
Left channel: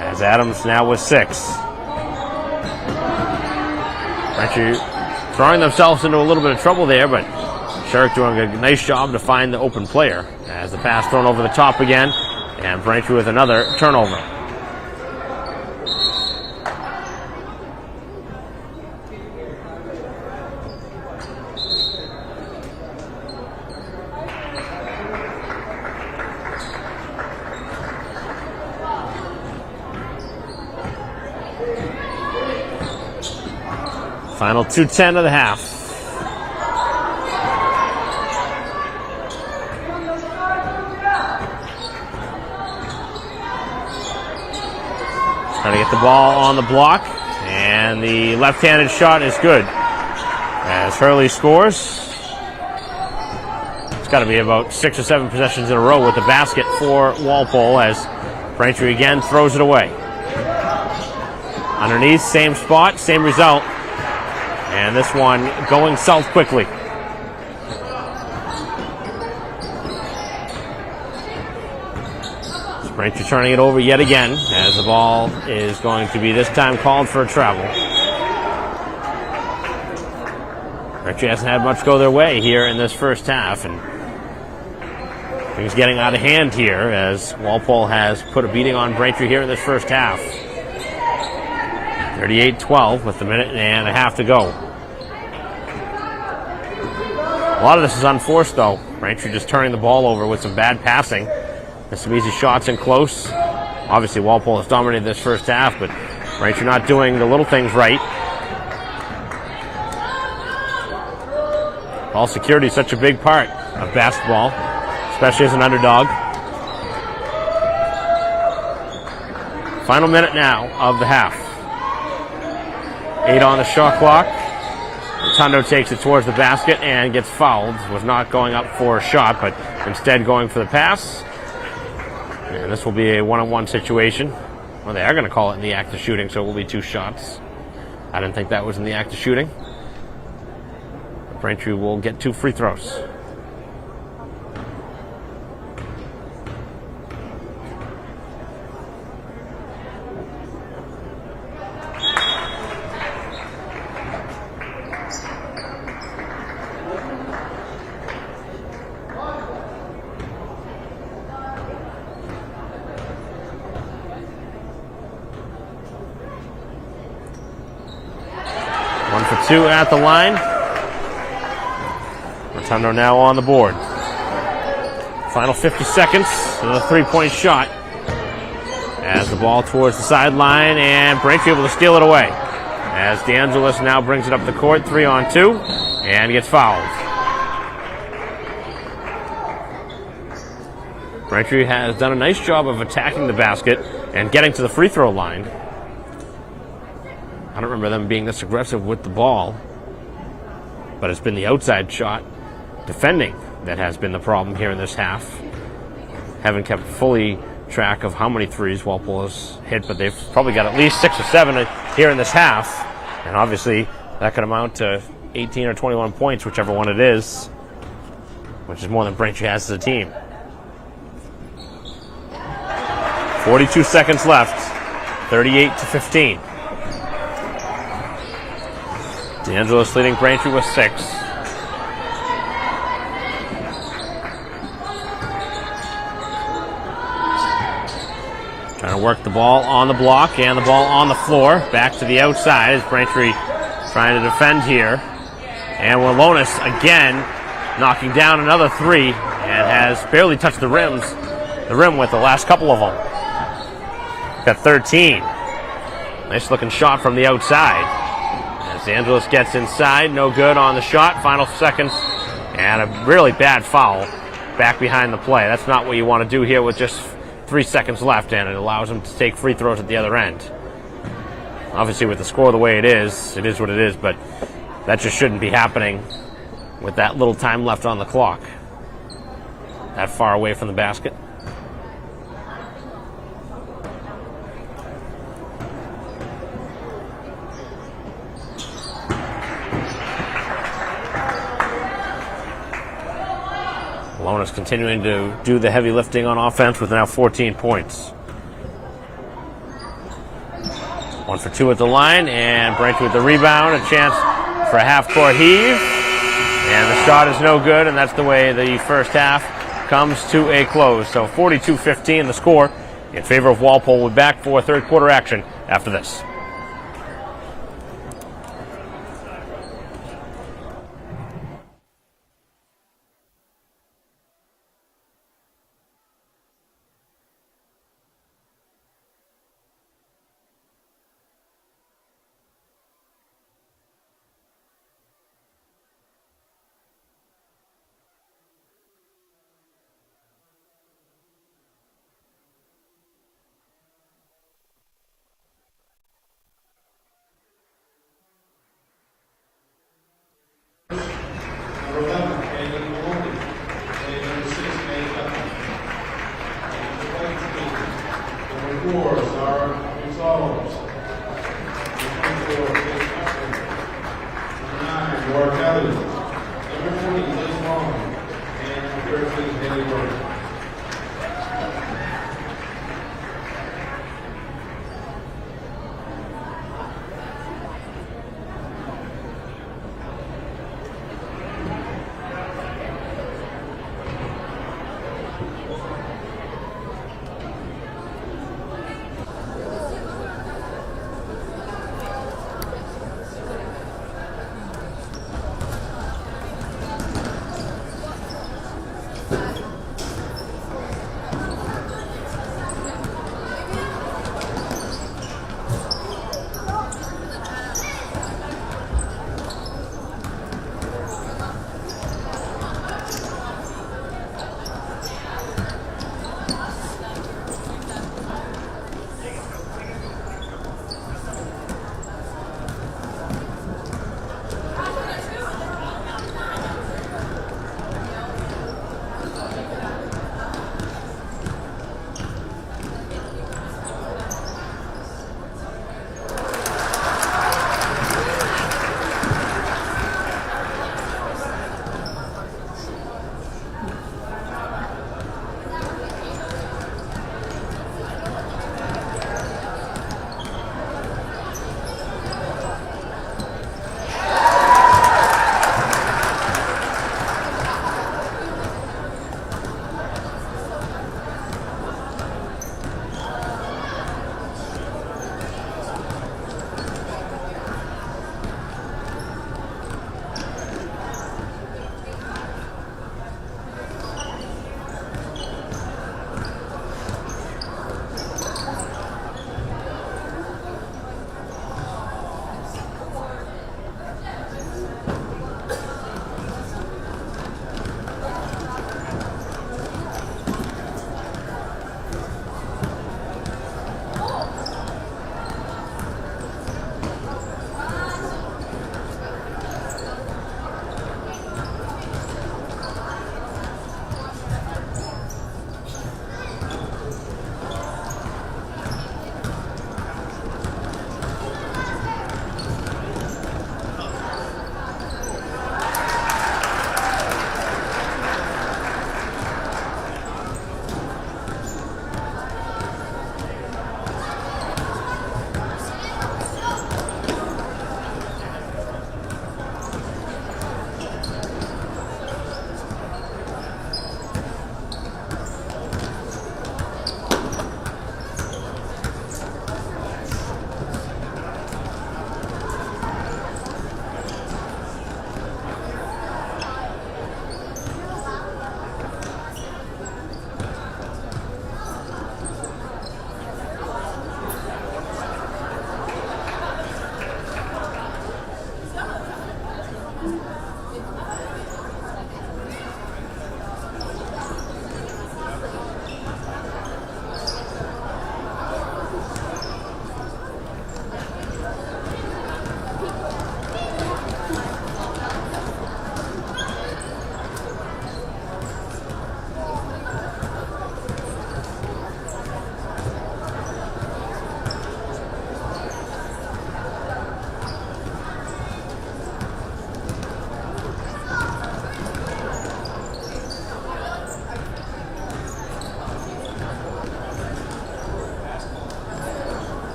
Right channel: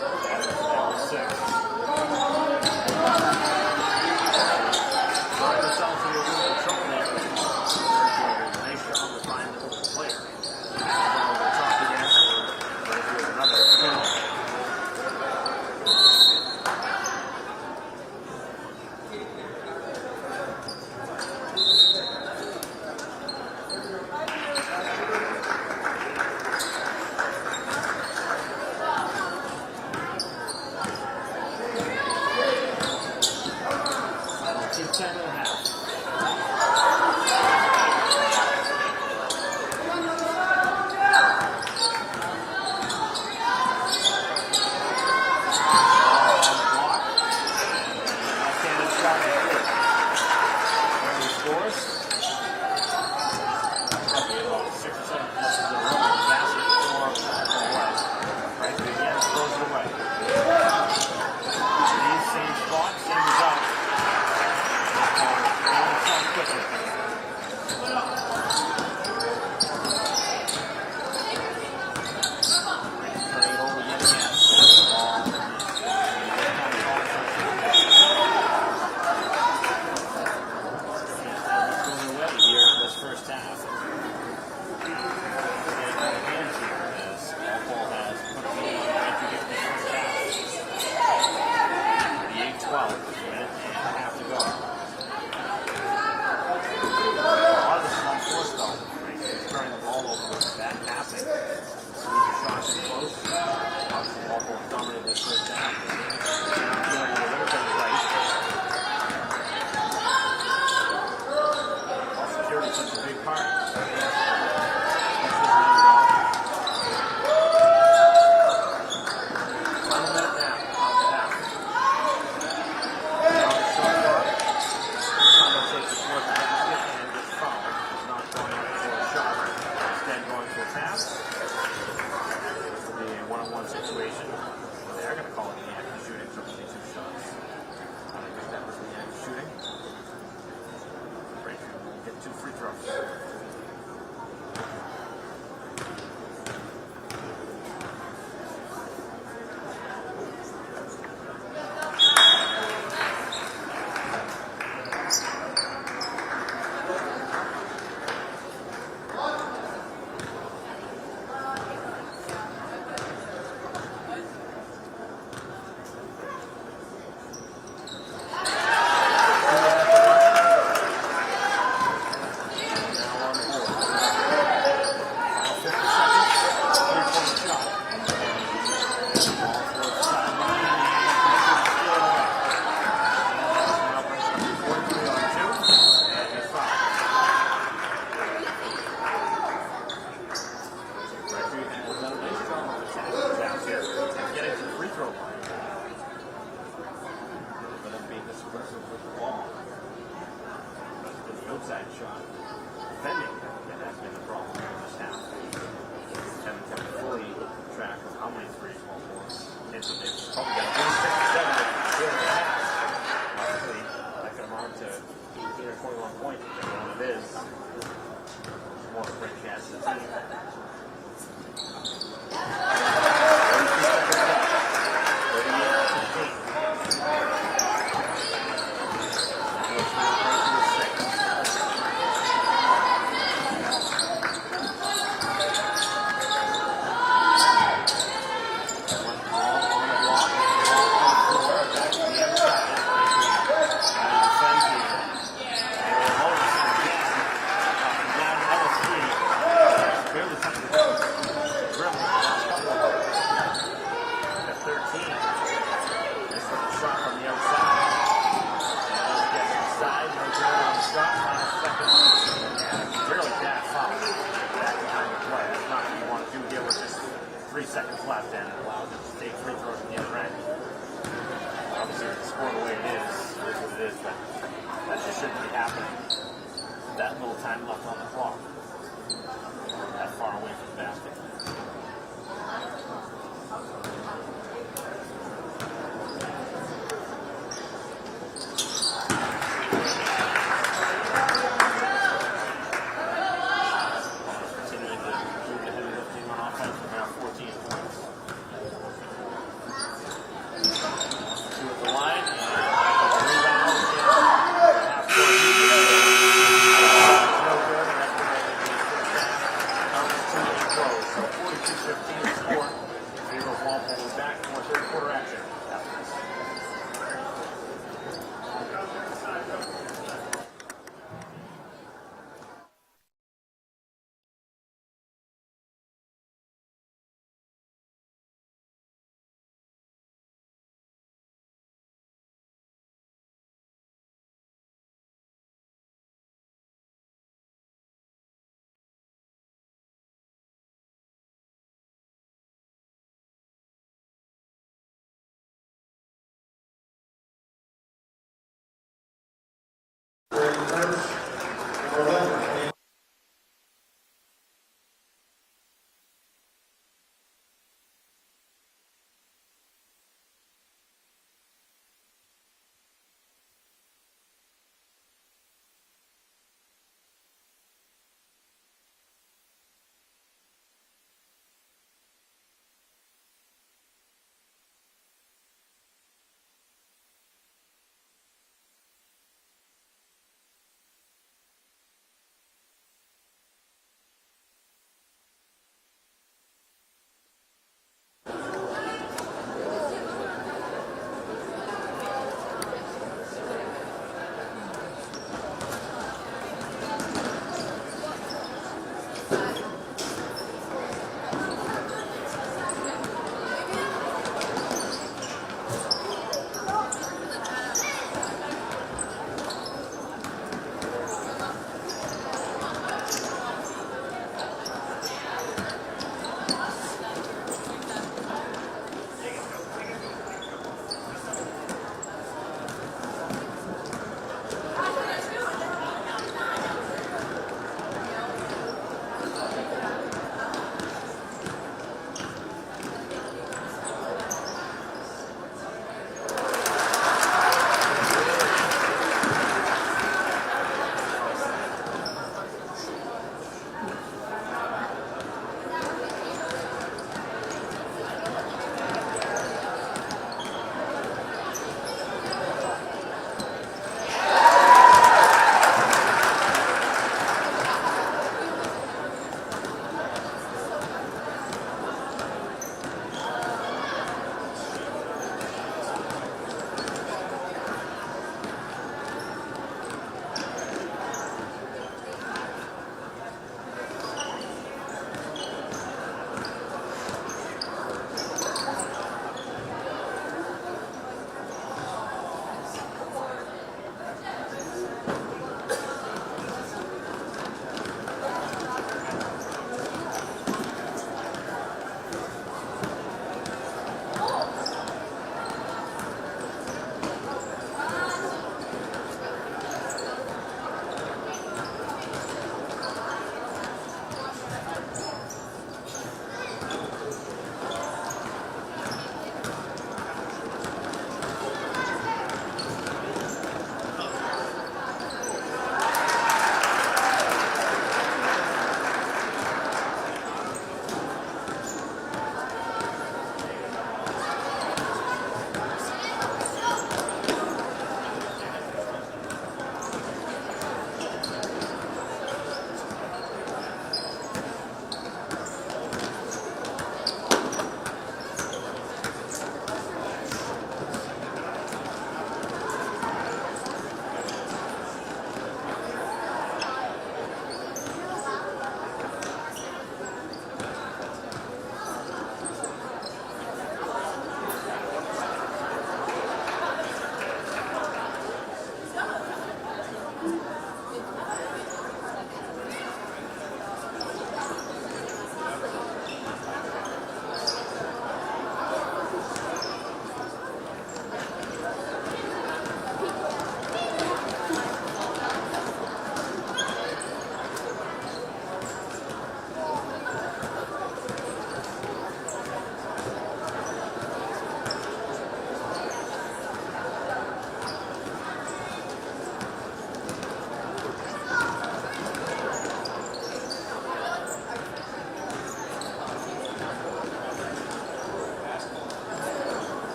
As Adams now with 6. Actually throwing themselves into a little bit of trouble there, but Sherrick doing a nice job to find the open player. As the pass thrown over the top again, and Braintree with another turnover. Final 2:10 of the half. Trying to get the ball on the block, and the left-handed shot is good. As Hurley scores, it's got to be about 6 or 7 possessions in a row with the basket for Walpole, as Braintree again throws it away. Underneath, same spot, same result. And this one going south quickly. Braintree turning it over yet again, as the ball is going to be this time called for a travel. Braintree hasn't had much go their way here in this first half, and things getting out of hand here as Walpole has put a beating on Braintree here in this first half. 38-12 with a minute and a half to go. A lot of this is unforced, though. Braintree just turning the ball over with some bad passing and some easy shots in close. Obviously, Walpole has dominated this first half, but Braintree not doing the little things right. Ball security is such a big part of basketball, especially as an underdog. Final minute now of the half. 8 on the shot clock. Rotundo takes it towards the basket and gets fouled. Was not going up for a shot, but instead going for the pass. And this will be a one-on-one situation. Well, they are going to call it in the act of shooting, so it will be 2 shots. I didn't think that was in the act of shooting. Braintree will get 2 free throws. One for 2 at the line. Rotundo now on the board. Final 50 seconds. Another 3-point shot. As the ball towards the sideline, and Braintree able to steal it away. As DeAngelis now brings it up the court, 3-on-2, and gets fouled. Braintree has done a nice job of attacking the basket and getting to the free throw line. I don't remember them being this aggressive with the ball, but it's been the outside shot defending that has been the problem here in this half. Haven't kept fully track of how many threes Walpole has hit, but they've probably got at least 6 or 7 here in this half. And obviously, that could amount to 18 or 21 points, whichever one it is, which is more than Braintree has as a team. 42 seconds left, 38-15. DeAngelis leading Braintree with 6. Trying to work the ball on the block and the ball on the floor. Back to the outside as Braintree trying to defend here. And Walonis again knocking down another 3 and has barely touched the rim with the last couple of them. Got 13. Nice looking shot from the outside. DeAngelis gets inside, no good on the shot. Final seconds, and a really bad foul back behind the play. That's not what you want to do here with just 3 seconds left, and it allows him to take free throws at the other end. Obviously, with the score the way it is what it is, but that just shouldn't be happening with that little time left on the clock. That far away from the basket. Walonis continuing to do the heavy lifting on offense with now 14 points. 1 for 2 at the line, and Braintree with the rebound. A chance for a half-court heave. And the shot is no good, and that's the way the first half comes to a close. So 42-15 the score in favor of Walpole. We'll be back for third quarter action after this.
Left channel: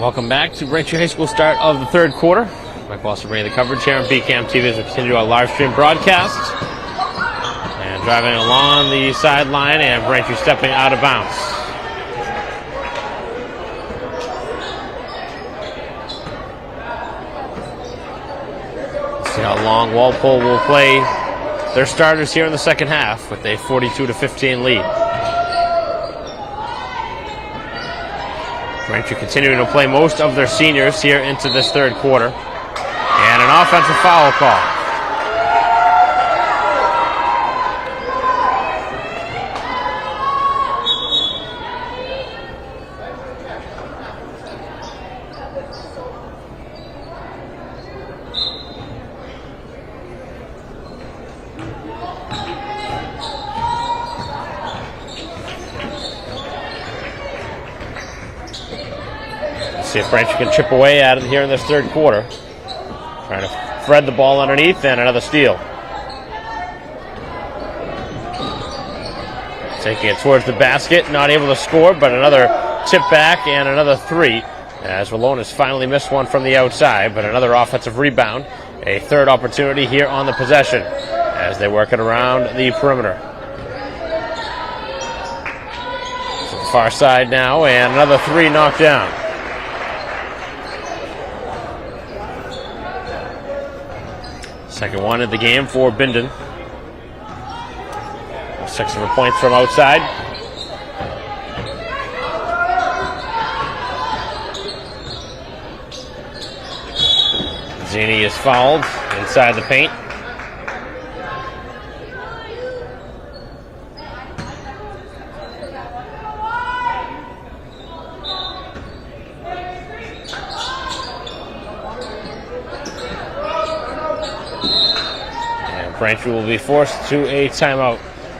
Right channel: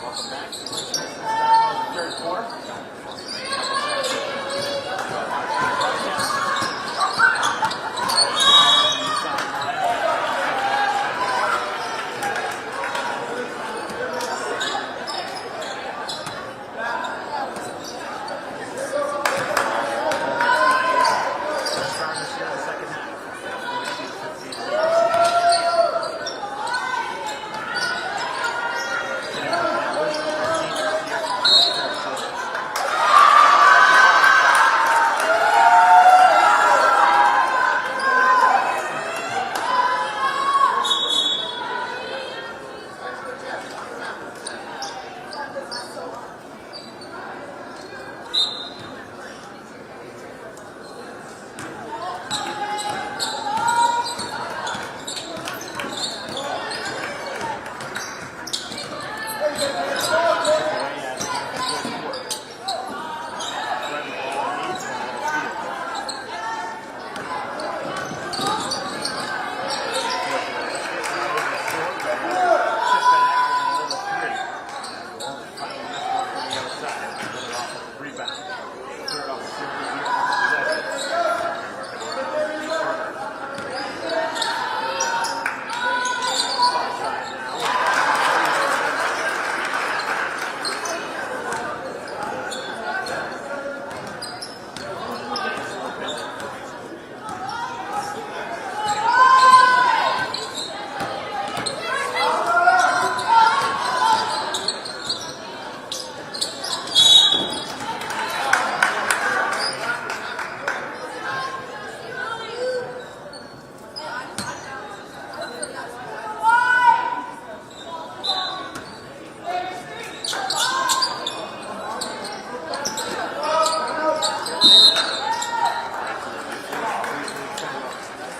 Welcome back to Braintree High School start of the third quarter. Mike Walsh bringing the coverage here on BCAM TV as we continue our live stream broadcast. And driving along the sideline, and Braintree stepping out of bounds. See how long Walpole will play their starters here in the second half with a 42-15 lead. Braintree continuing to play most of their seniors here into this third quarter. And an offensive foul call. See if Braintree can chip away at it here in this third quarter. Trying to thread the ball underneath, and another steal. Taking it towards the basket, not able to score, but another tip back and another three. As Wallonis finally missed one from the outside, but another offensive rebound. A third opportunity here on the possession as they work it around the perimeter. Far side now, and another three knocked down. Second one of the game for Bindon. 6 of the points from outside. Zini is fouled inside the paint. Braintree will be forced to a timeout.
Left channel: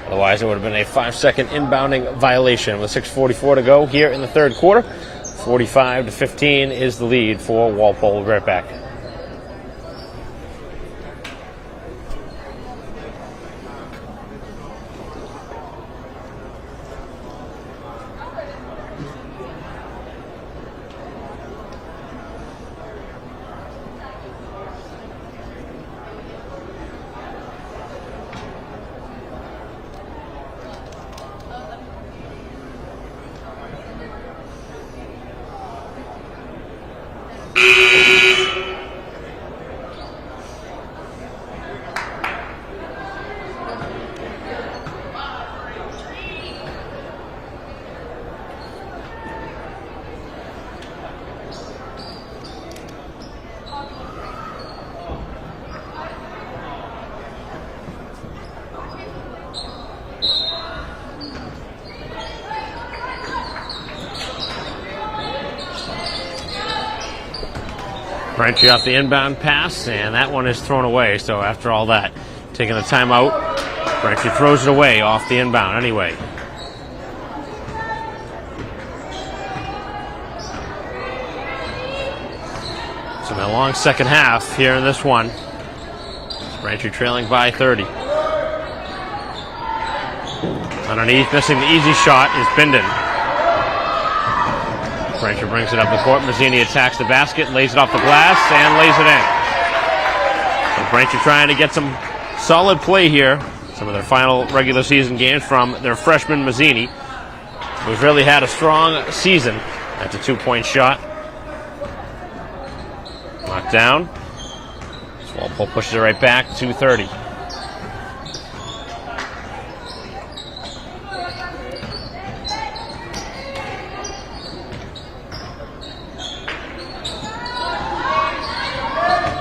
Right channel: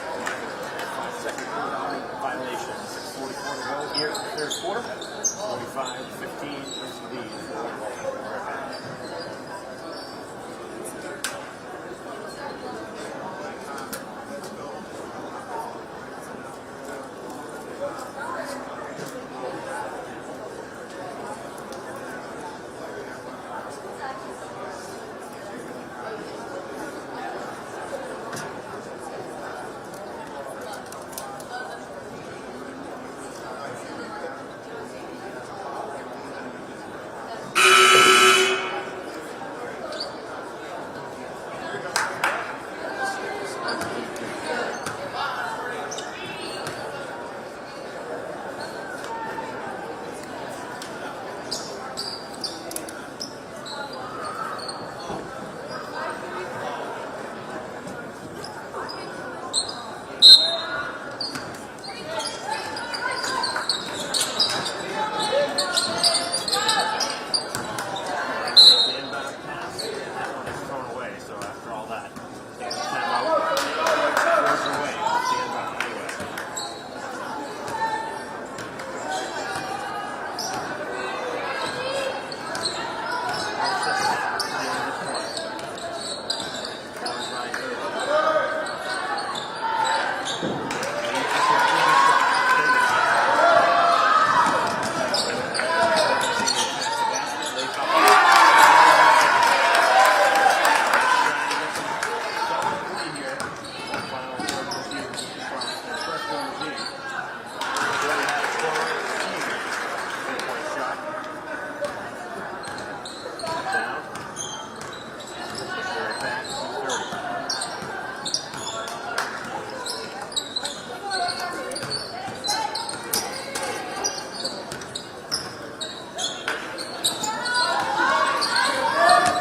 Otherwise, it would have been a 5-second inbounding violation with 6:44 to go here in the third quarter. 45-15 is the lead for Walpole. We'll be right back. Braintree off the inbound pass, and that one is thrown away. So after all that, taking the timeout, Braintree throws it away off the inbound anyway. So a long second half here in this one. Braintree trailing by 30. Underneath, missing the easy shot is Bindon. Braintree brings it up the court. Mazzini attacks the basket, lays it off the glass, and lays it in. So Braintree trying to get some solid play here. Some of their final regular season games from their freshman Mazzini, who's really had a strong season. That's a 2-point shot. Knocked down. Walpole pushes it right back to 30.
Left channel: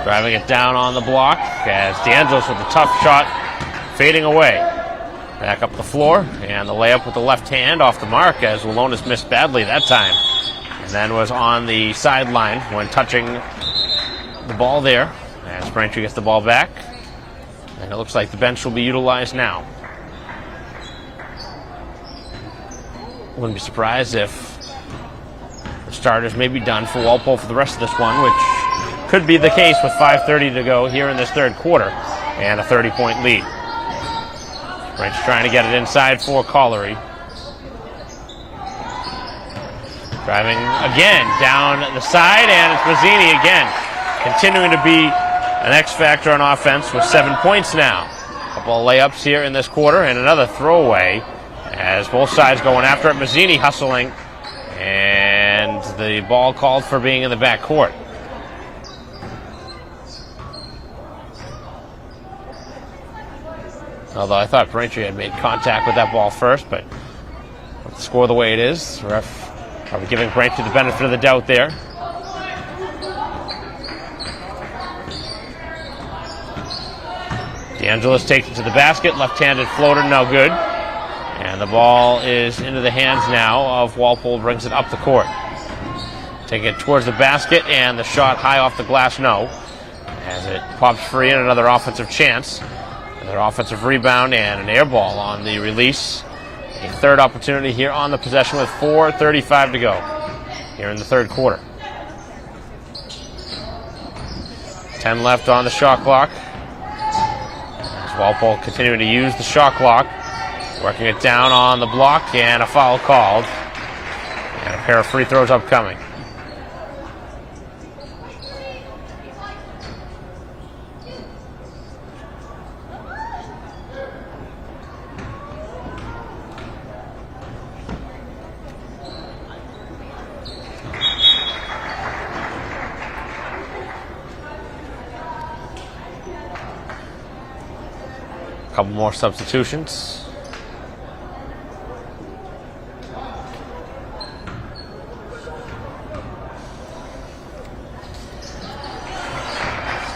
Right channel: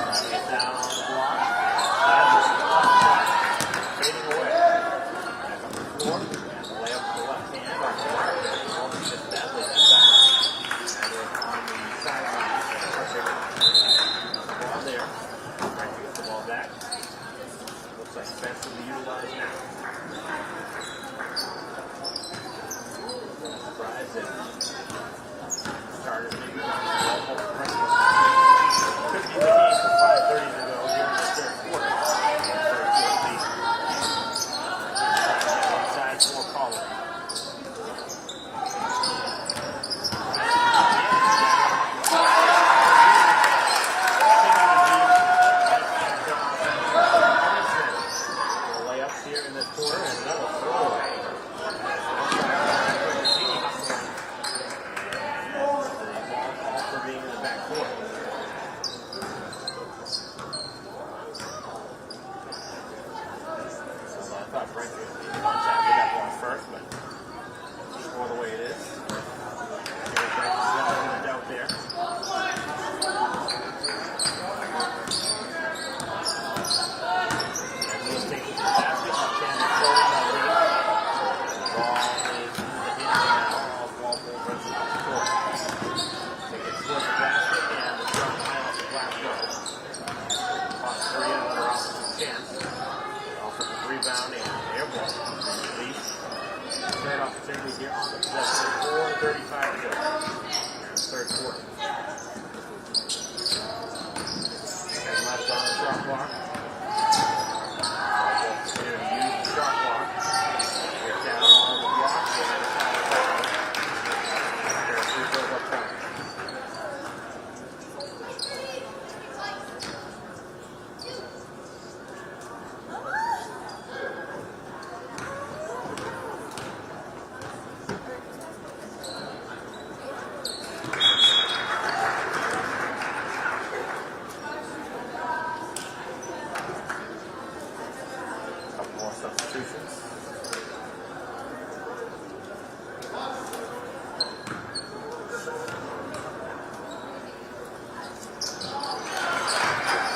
Driving it down on the block as DeAngelis with a tough shot fading away. Back up the floor, and the layup with the left hand off the mark as Wallonis missed badly that time. And then was on the sideline when touching the ball there as Braintree gets the ball back. And it looks like the bench will be utilized now. Wouldn't be surprised if the starters may be done for Walpole for the rest of this one, which could be the case with 5:30 to go here in this third quarter and a 30-point lead. Braintree trying to get it inside for Collery. Driving again down the side, and it's Mazzini again, continuing to be an X factor on offense with 7 points now. A couple of layups here in this quarter, and another throwaway as both sides going after it. Mazzini hustling, and the ball called for being in the back court. Although I thought Braintree had made contact with that ball first, but with the score the way it is, the ref probably giving Braintree the benefit of the doubt there. DeAngelis takes it to the basket, left-handed floater, no good. And the ball is into the hands now of Walpole, brings it up the court. Taking it towards the basket, and the shot high off the glass, no. As it pops free, and another offensive chance. Another offensive rebound, and an air ball on the release. A third opportunity here on the possession with 4:35 to go here in the third quarter. 10 left on the shot clock. Walpole continuing to use the shot clock, working it down on the block, and a foul called. And a pair of free throws upcoming. Couple more substitutions.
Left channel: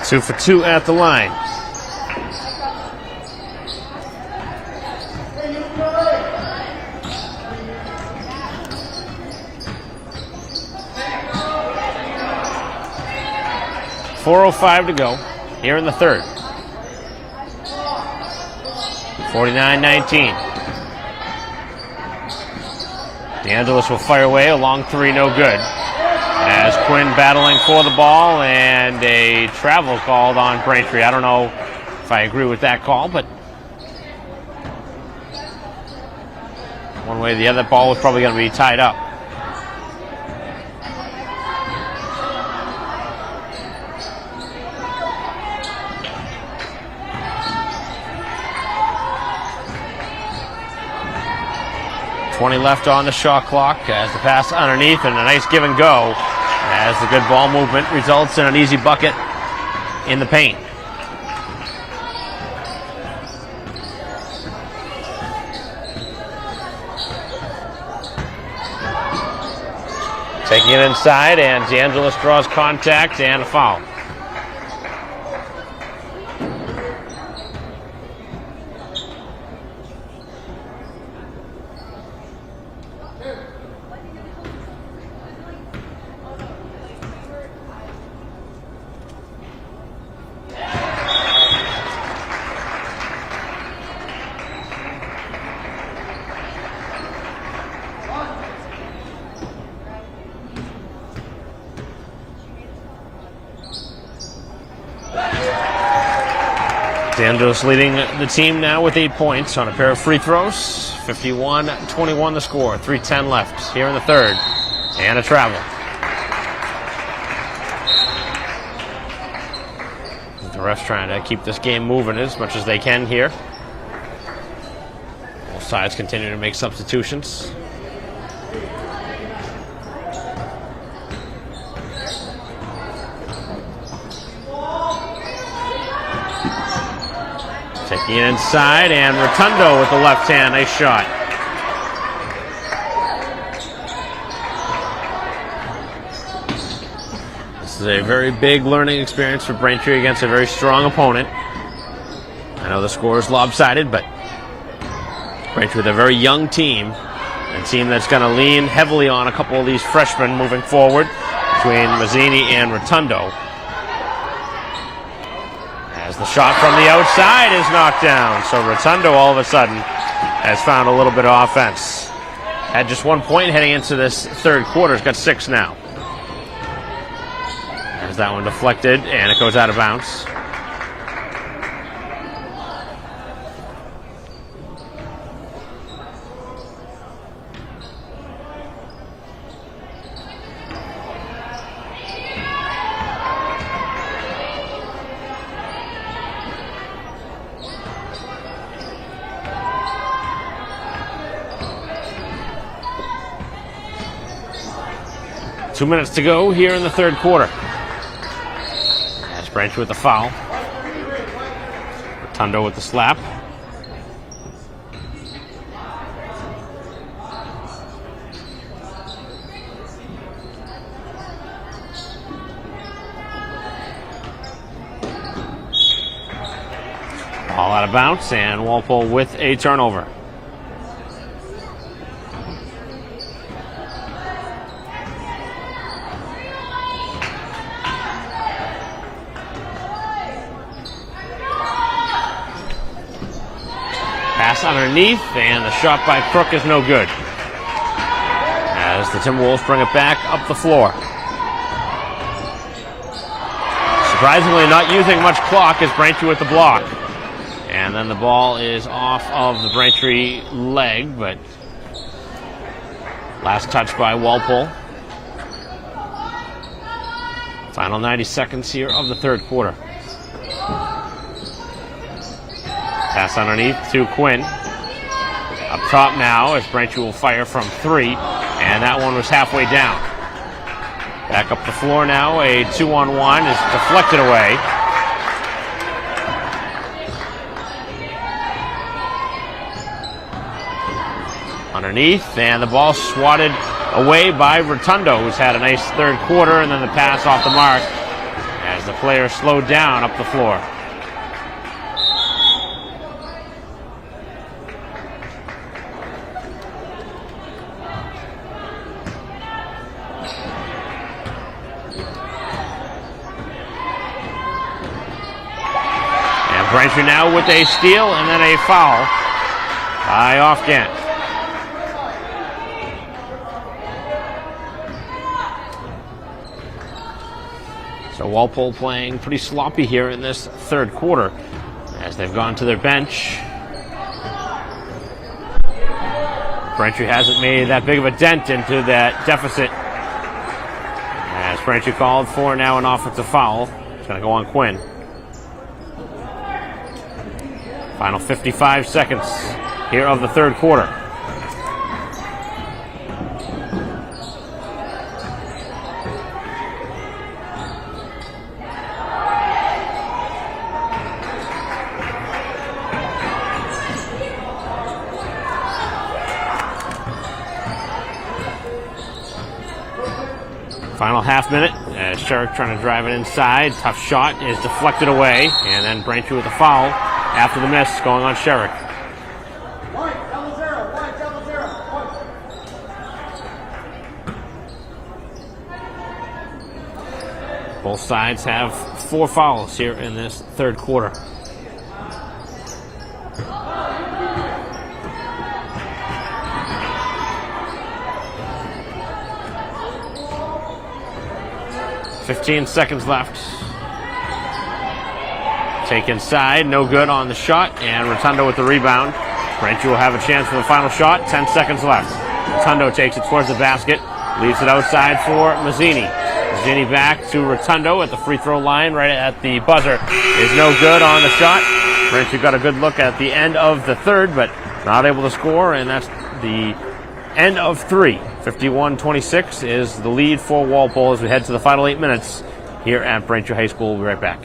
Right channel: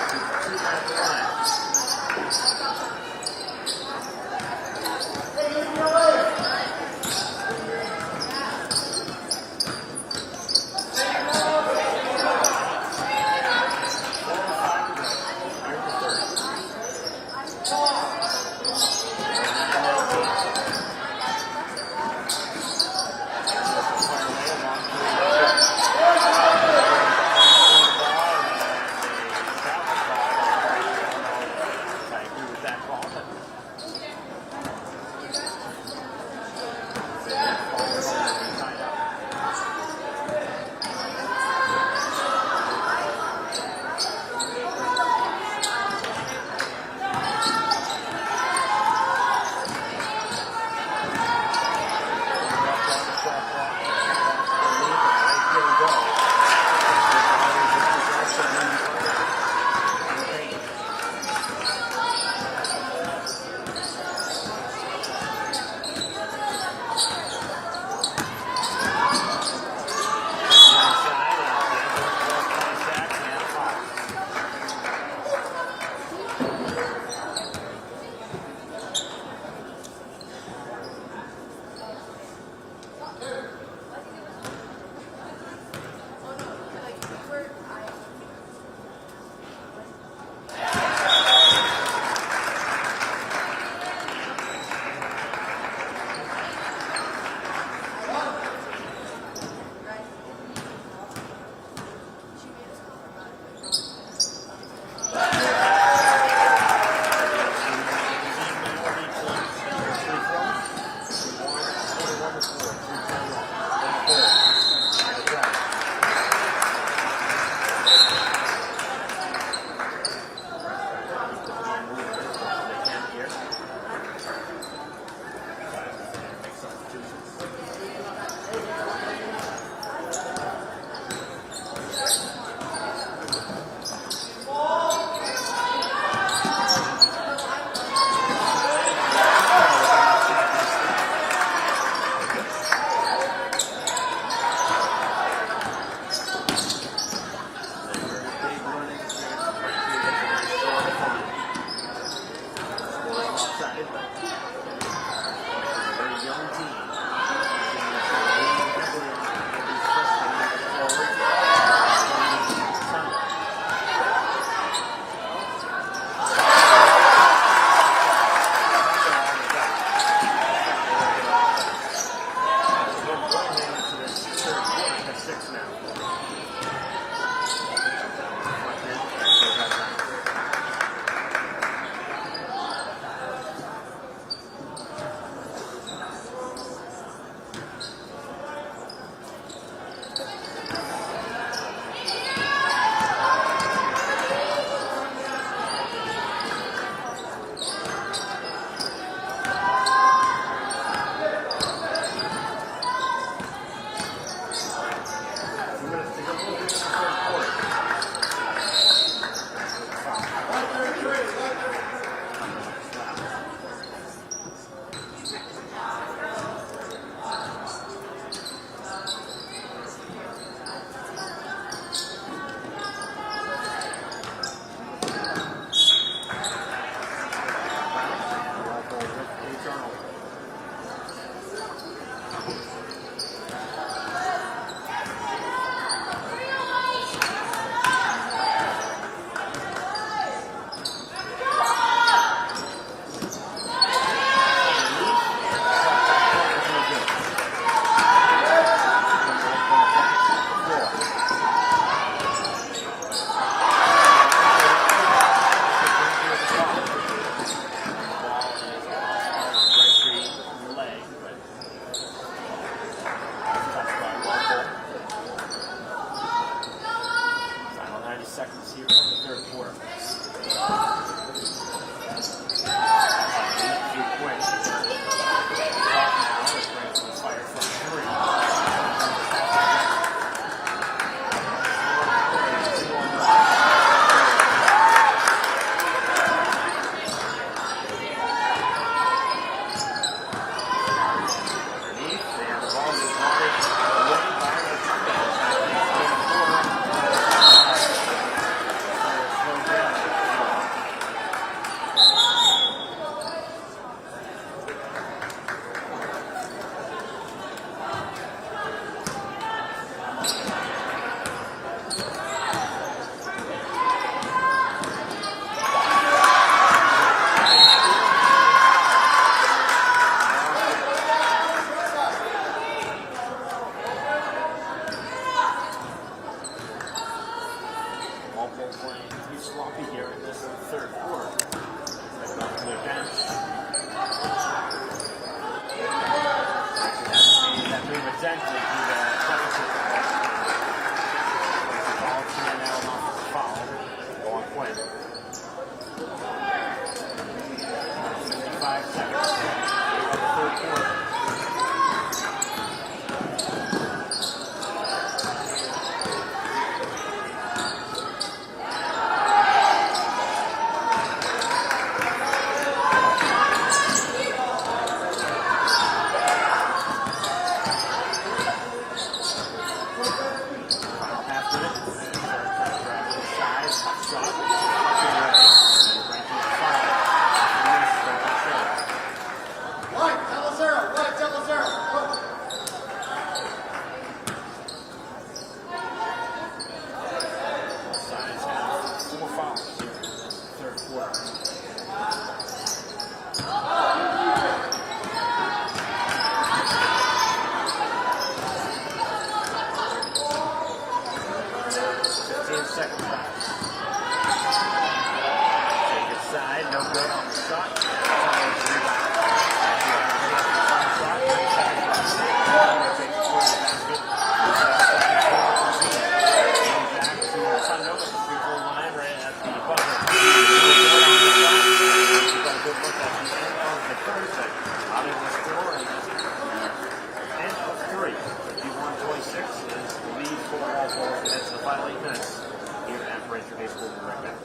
Two for two at the line. .405 to go here in the third. 49-19. DeAngelis will fire away, a long three, no good. As Quinn battling for the ball, and a travel called on Braintree. I don't know if I agree with that call, but one way or the other, ball was probably going to be tied up. Left on the shot clock as the pass underneath, and a nice give and go as the good ball movement results in an easy bucket in the paint. Taking it inside, and DeAngelis draws contact and a foul. DeAngelis leading the team now with 8 points on a pair of free throws. 51-21 the score. 3:10 left here in the third. And a travel. The refs trying to keep this game moving as much as they can here. Both sides continue to make substitutions. Taking it inside, and Rotundo with the left hand. Nice shot. This is a very big learning experience for Braintree against a very strong opponent. I know the score is lopsided, but Braintree with a very young team, a team that's going to lean heavily on a couple of these freshmen moving forward between Mazzini and Rotundo. The shot from the outside is knocked down, so Rotundo all of a sudden has found a little bit of offense. Had just 1 point heading into this third quarter. He's got 6 now. There's that one deflected, and it goes out of bounds. 2 minutes to go here in the third quarter. As Braintree with the foul. Rotundo with the slap. Ball out of bounds, and Walpole with a turnover. Pass underneath, and the shot by Crook is no good. As the Timberwolves bring it back up the floor. Surprisingly not using much clock as Braintree with the block. And then the ball is off of the Braintree leg, but last touch by Walpole. Final 90 seconds here of the third quarter. Pass underneath to Quinn. Up top now as Braintree will fire from 3, and that one was halfway down. Back up the floor now, a 2-on-1 is deflected away. Underneath, and the ball swatted away by Rotundo, who's had a nice third quarter, and then the pass off the mark as the Flares slowed down up the floor. And Braintree now with a steal and then a foul by Off-Gant. So Walpole playing pretty sloppy here in this third quarter as they've gone to their bench. Braintree hasn't made that big of a dent into that deficit. As Braintree called for now an offensive foul. It's going to go on Quinn. Final 55 seconds here of the third quarter. Final half minute as Sherrick trying to drive it inside. Tough shot is deflected away, and then Braintree with a foul after the miss going on Sherrick. White, double zero. Both sides have 4 fouls here in this third quarter. .15 seconds left. Take inside, no good on the shot, and Rotundo with the rebound. Braintree will have a chance for the final shot, 10 seconds left. Rotundo takes it towards the basket, leaves it outside for Mazzini. Mazzini back to Rotundo at the free throw line, right at the buzzer. Is no good on the shot. Braintree got a good look at the end of the third, but not able to score, and that's the end of 3. 51-26 is the lead for Walpole as we head to the final 8 minutes here at Braintree High School. We'll be right back.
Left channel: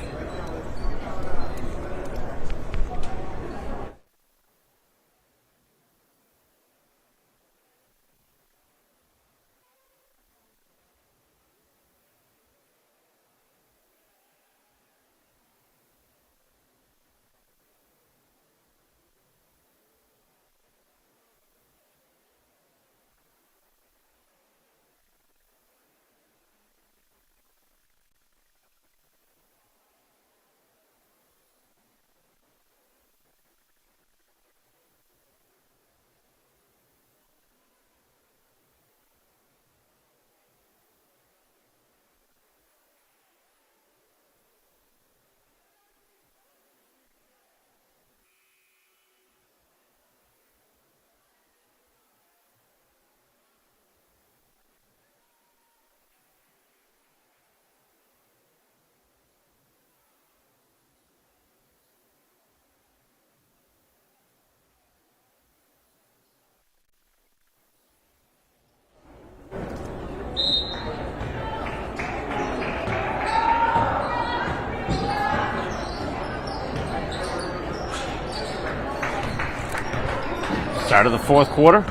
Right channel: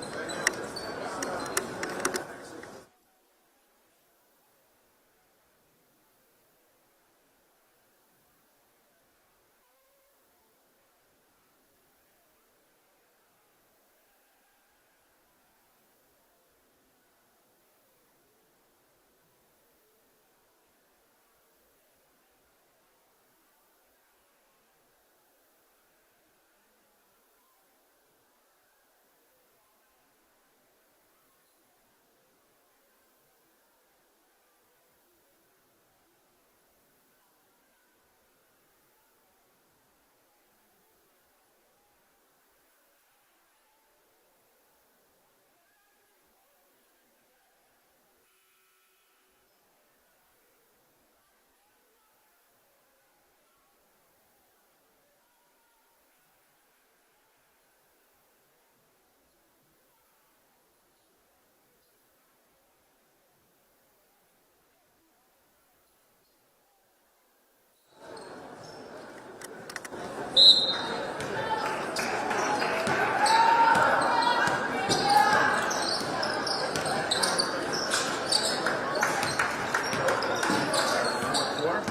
Start of the fourth quarter.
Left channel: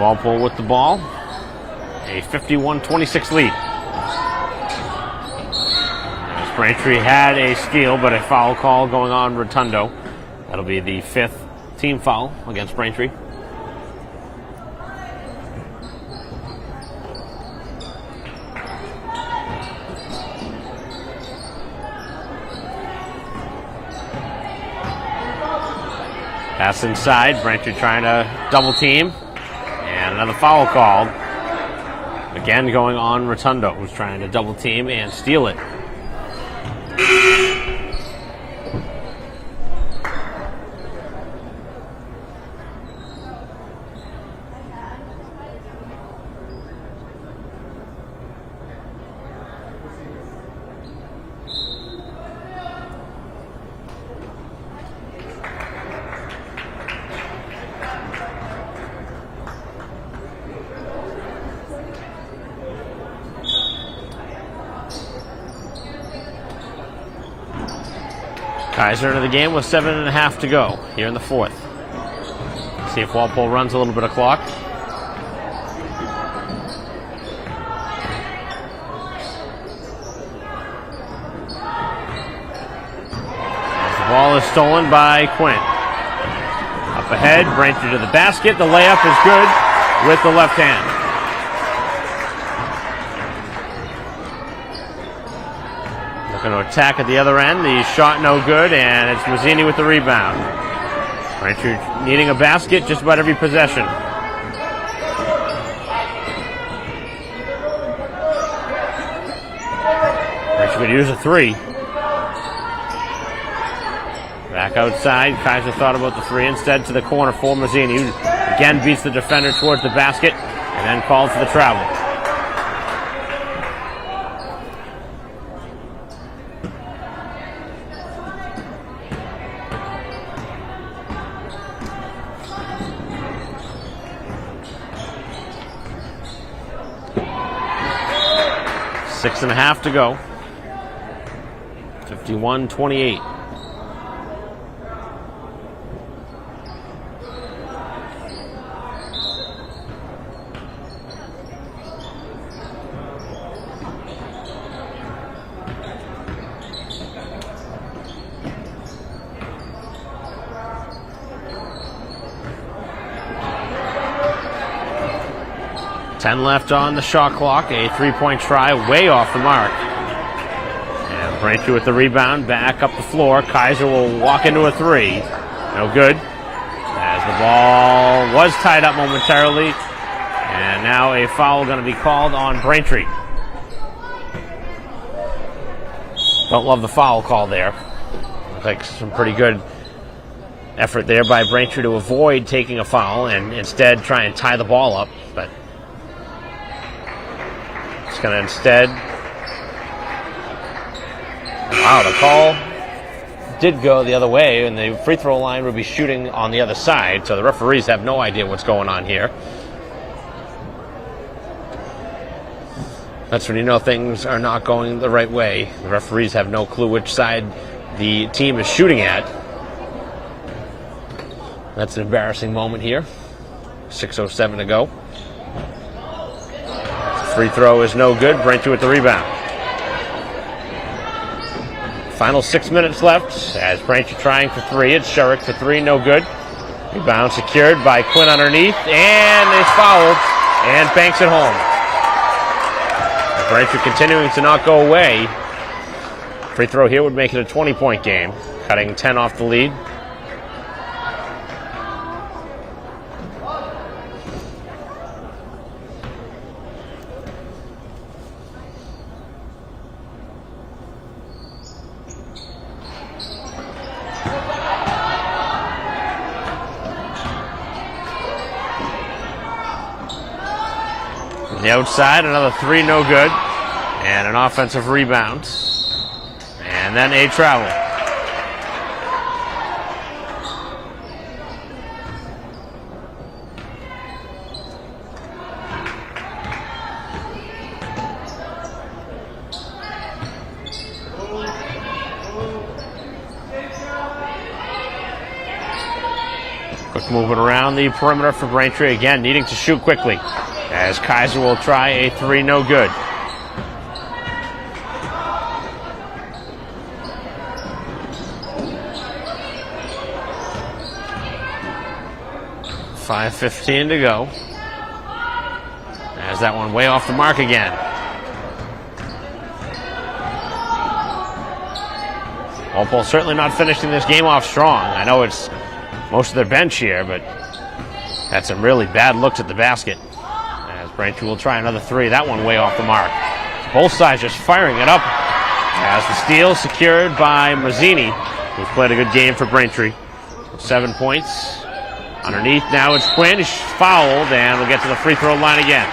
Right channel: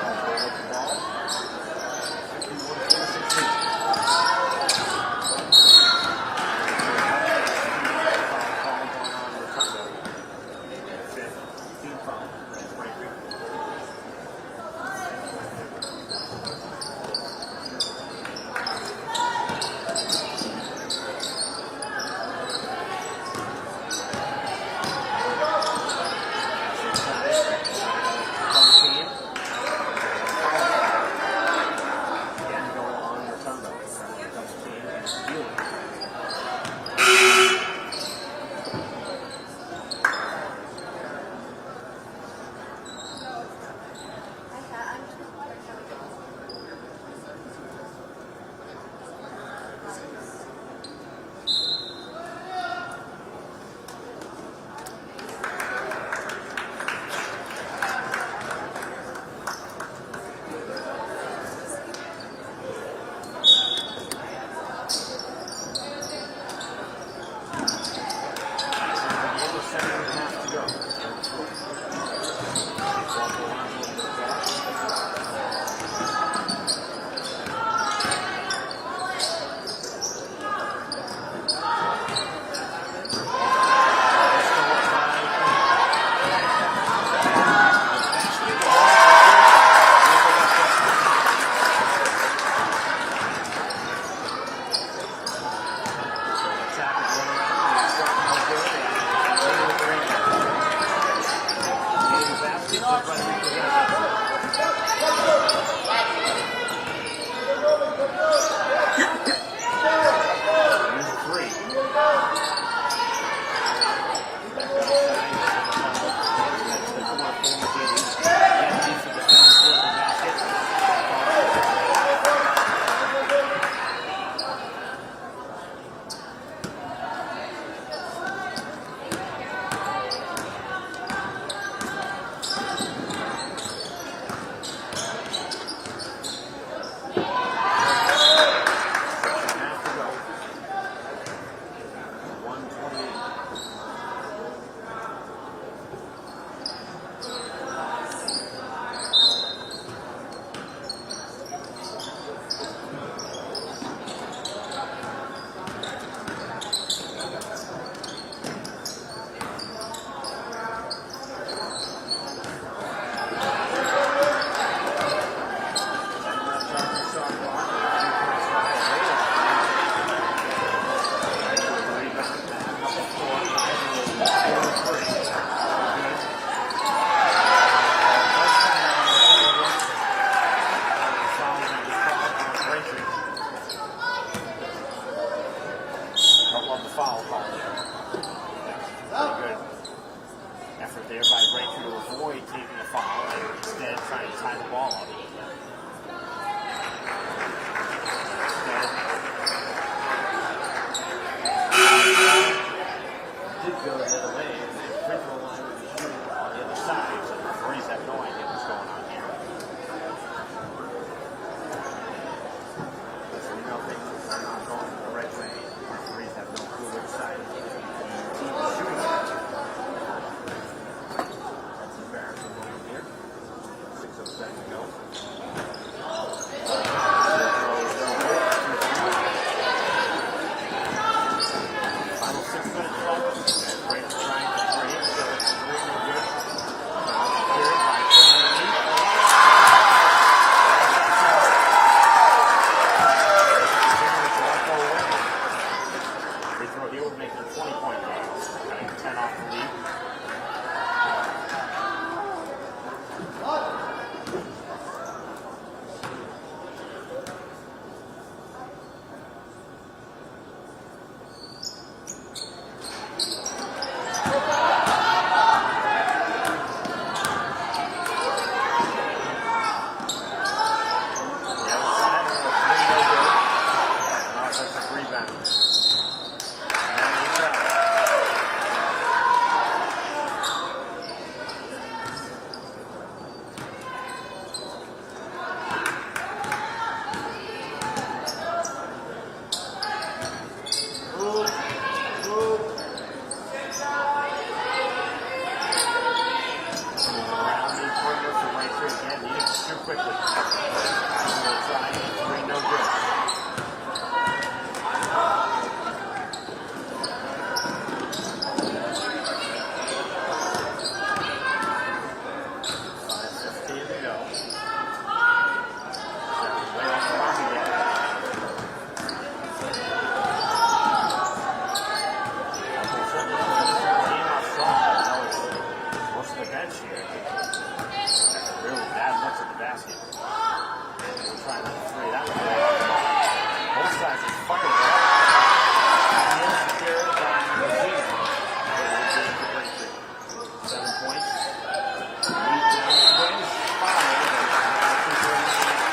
Walpole with the ball. A 51-26 lead. Braintree had a steal, but a foul call going on Rotundo. That'll be the 5th team foul against Braintree. Pass inside, Braintree trying to double team. And another foul called. Again going on Rotundo, who's trying to double team and steal it. Kaiser into the game with 7.5 to go here in the fourth. See if Walpole runs a little bit of clock. The ball is stolen by Quinn. Up ahead, Braintree to the basket. The layup is good with the left hand. Going to attack at the other end. The shot no good, and it's Mazzini with the rebound. Braintree needing a basket just about every possession. Braintree going to use a three. Back outside. Kaiser thought about the three. Instead to the corner for Mazzini, who again beats the defender towards the basket and then calls for the travel. Six and a half to go. 51-28. Left on the shot clock. A three-point try way off the mark. And Braintree with the rebound, back up the floor. Kaiser will walk into a three. No good. As the ball was tied up momentarily. And now a foul going to be called on Braintree. Don't love the foul call there. Looks like some pretty good effort there by Braintree to avoid taking a foul and instead try and tie the ball up. But going to instead. Wow, the call did go the other way, and the free throw line would be shooting on the other side, so the referees have no idea what's going on here. That's when you know things are not going the right way. The referees have no clue which side the team is shooting at. That's an embarrassing moment here. 6:07 to go. Free throw is no good. Braintree with the rebound. Final 6 minutes left as Braintree trying for three. It's Sherrick to three, no good. Rebound secured by Quinn underneath, and is fouled and banks it home. Braintree continuing to not go away. Free throw here would make it a 20-point game, cutting 10 off the lead. On the outside, another three, no good. And an offensive rebound. And then a travel. Quick movement around the perimeter for Braintree, again needing to shoot quickly, as Kaiser will try a three, no good. .5:15 to go. As that one way off the mark again. Walpole certainly not finishing this game off strong. I know it's most of their bench here, but had some really bad looks at the basket. As Braintree will try another three. That one way off the mark. Both sides just firing it up. As the steal secured by Mazzini, who's played a good game for Braintree. 7 points. Underneath now it's Quinn. He's fouled, and we'll get to the free throw line again.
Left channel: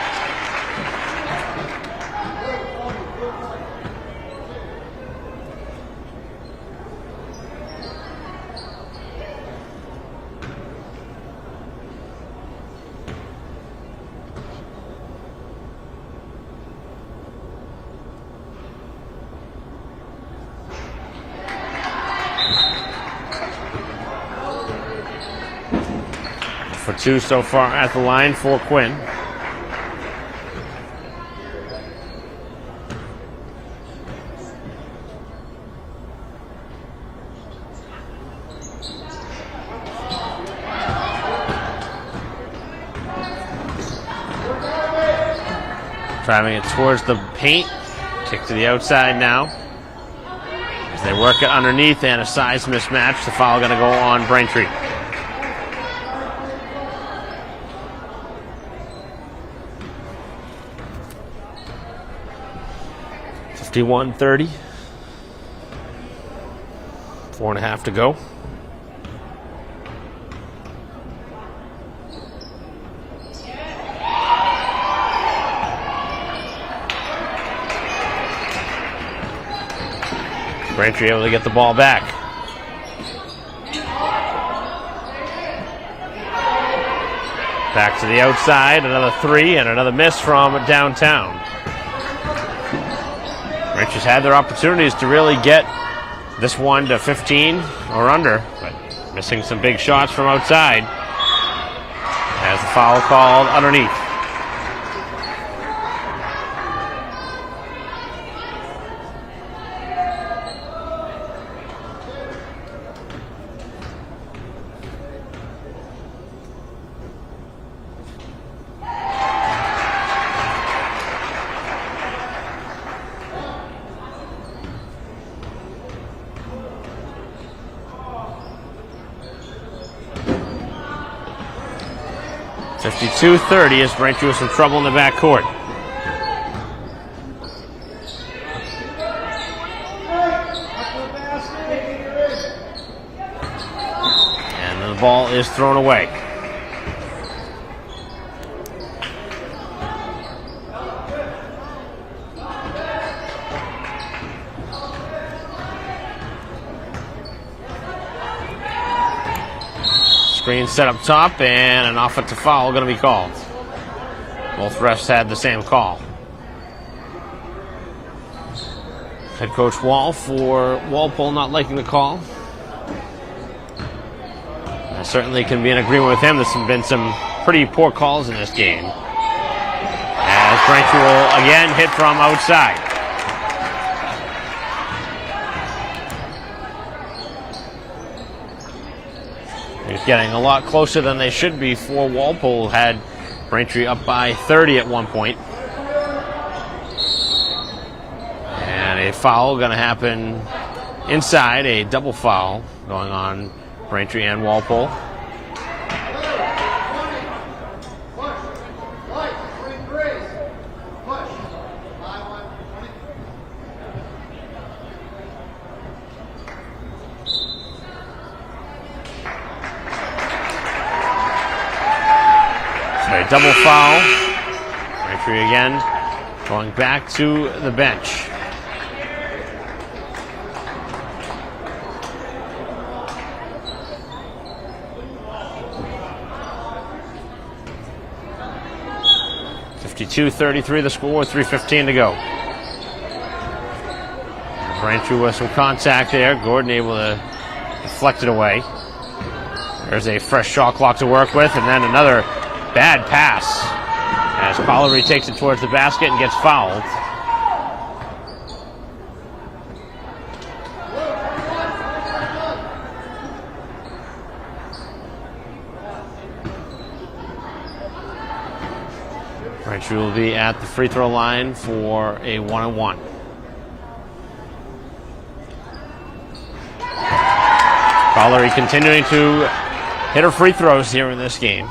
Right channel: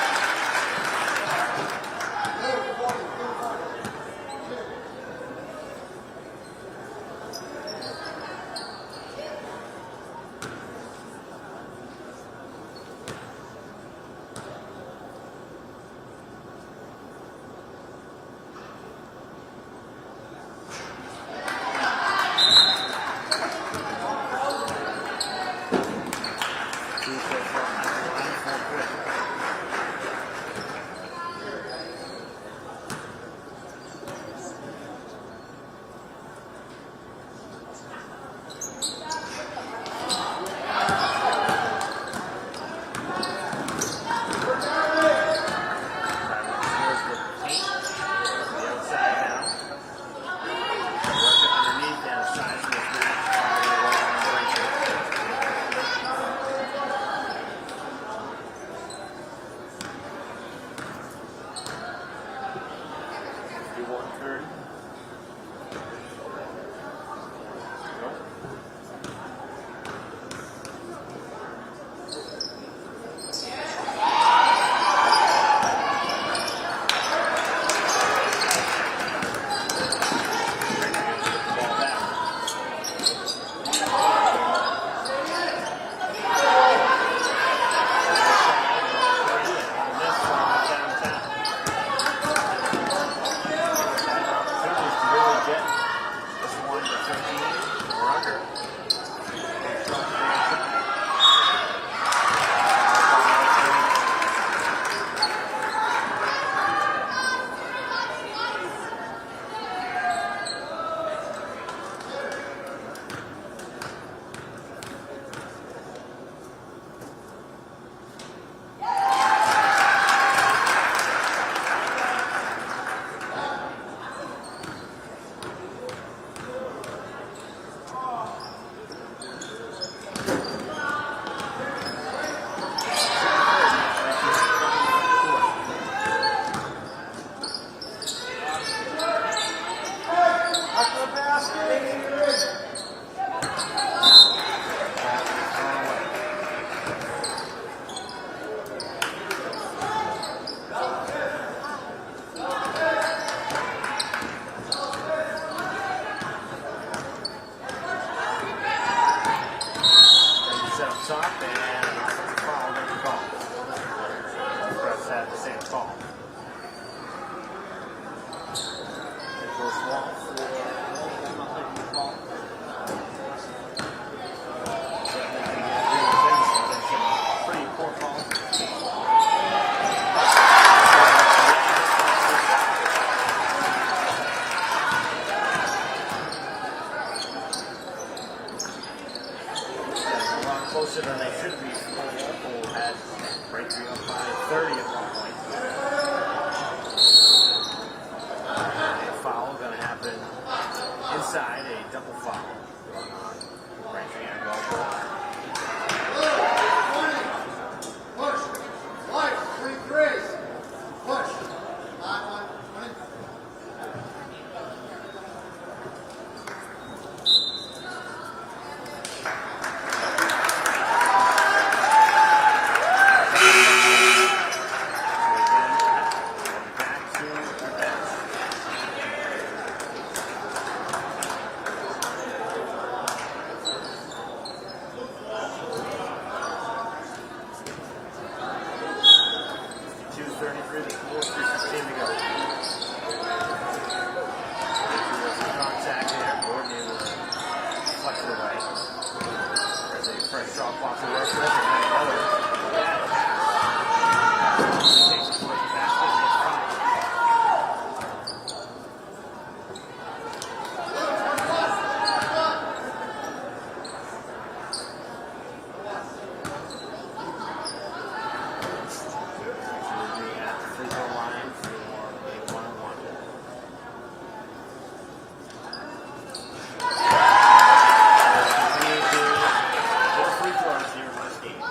For two so far at the line for Quinn. Driving it towards the paint. Kick to the outside now. As they work it underneath and a size mismatch. The foul going to go on Braintree. 51-30. 4.5 to go. Braintree able to get the ball back. Back to the outside, another three and another miss from downtown. Braintree's had their opportunities to really get this one to 15 or under, but missing some big shots from outside. As the foul called underneath. .52-30 as Braintree with some trouble in the backcourt. And the ball is thrown away. Screen set up top, and an offensive foul going to be called. Both refs had the same call. Head coach Wall for Walpole not liking the call. I certainly can be in agreement with him. There's been some pretty poor calls in this game. As Braintree will again hit from outside. Getting a lot closer than they should be for Walpole. Had Braintree up by 30 at one point. And a foul going to happen inside, a double foul going on Braintree and Walpole. Double foul. Braintree again going back to the bench. .52-33 the score, 3:15 to go. Braintree with some contact there. Gordon able to deflect it away. There's a fresh shot clock to work with, and then another bad pass as Fowlery takes it towards the basket and gets fouled. Braintree will be at the free throw line for a 1-on-1. Fowlery continuing to hit her free throws here in this game.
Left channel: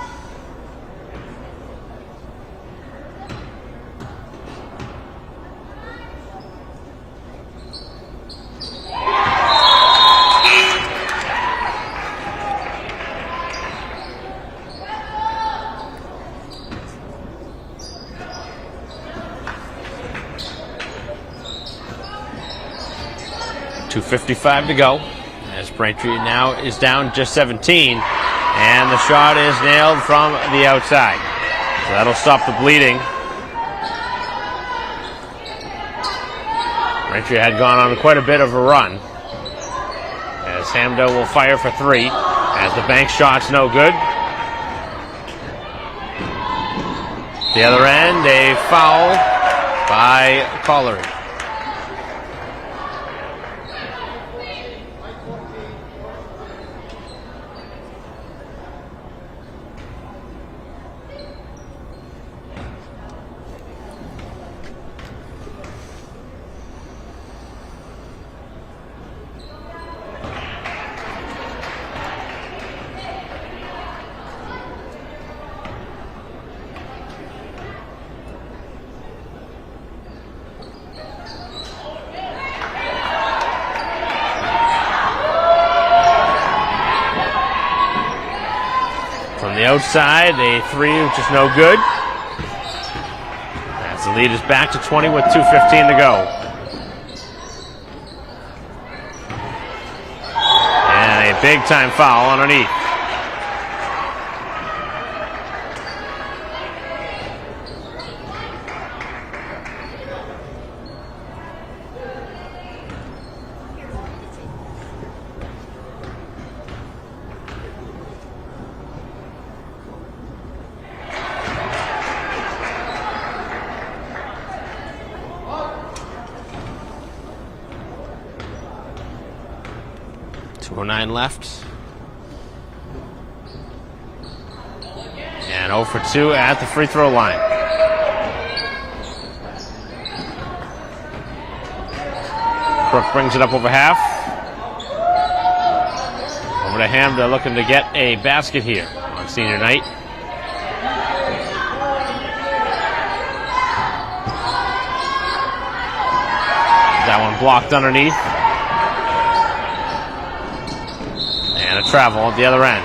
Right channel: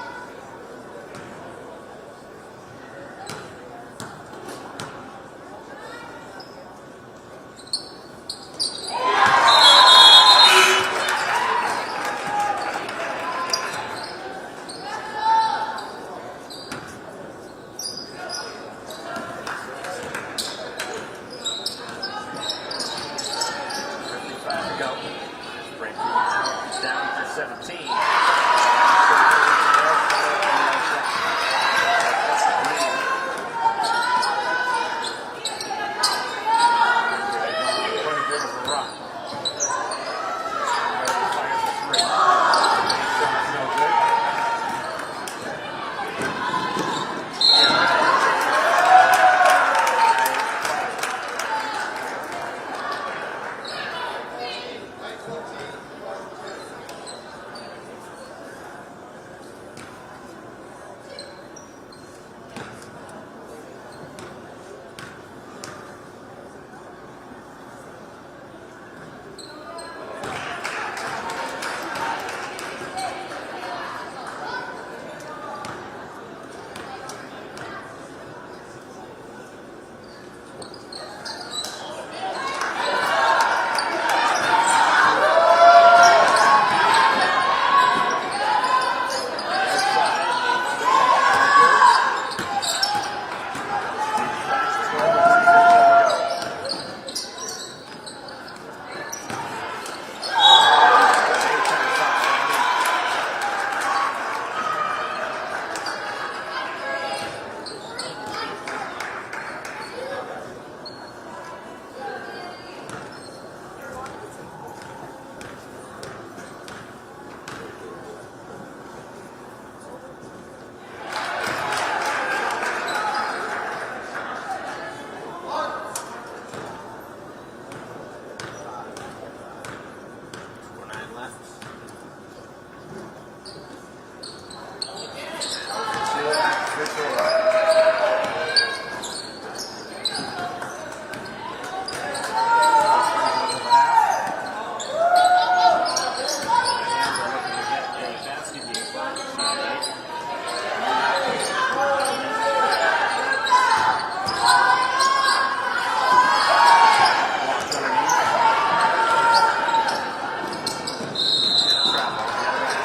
.255 to go. As Braintree now is down just 17, and the shot is nailed from the outside. So that'll stop the bleeding. Braintree had gone on quite a bit of a run. As Hamdo will fire for three, as the bank shot's no good. The other end, a foul by Fowlery. Outside, a three, which is no good. As the lead is back to 20 with 2:15 to go. And a big time foul underneath. .09 left. And 0 for 2 at the free throw line. Crook brings it up over half. Over to Hamda, looking to get a basket here on senior night. That one blocked underneath. Travel at the other end.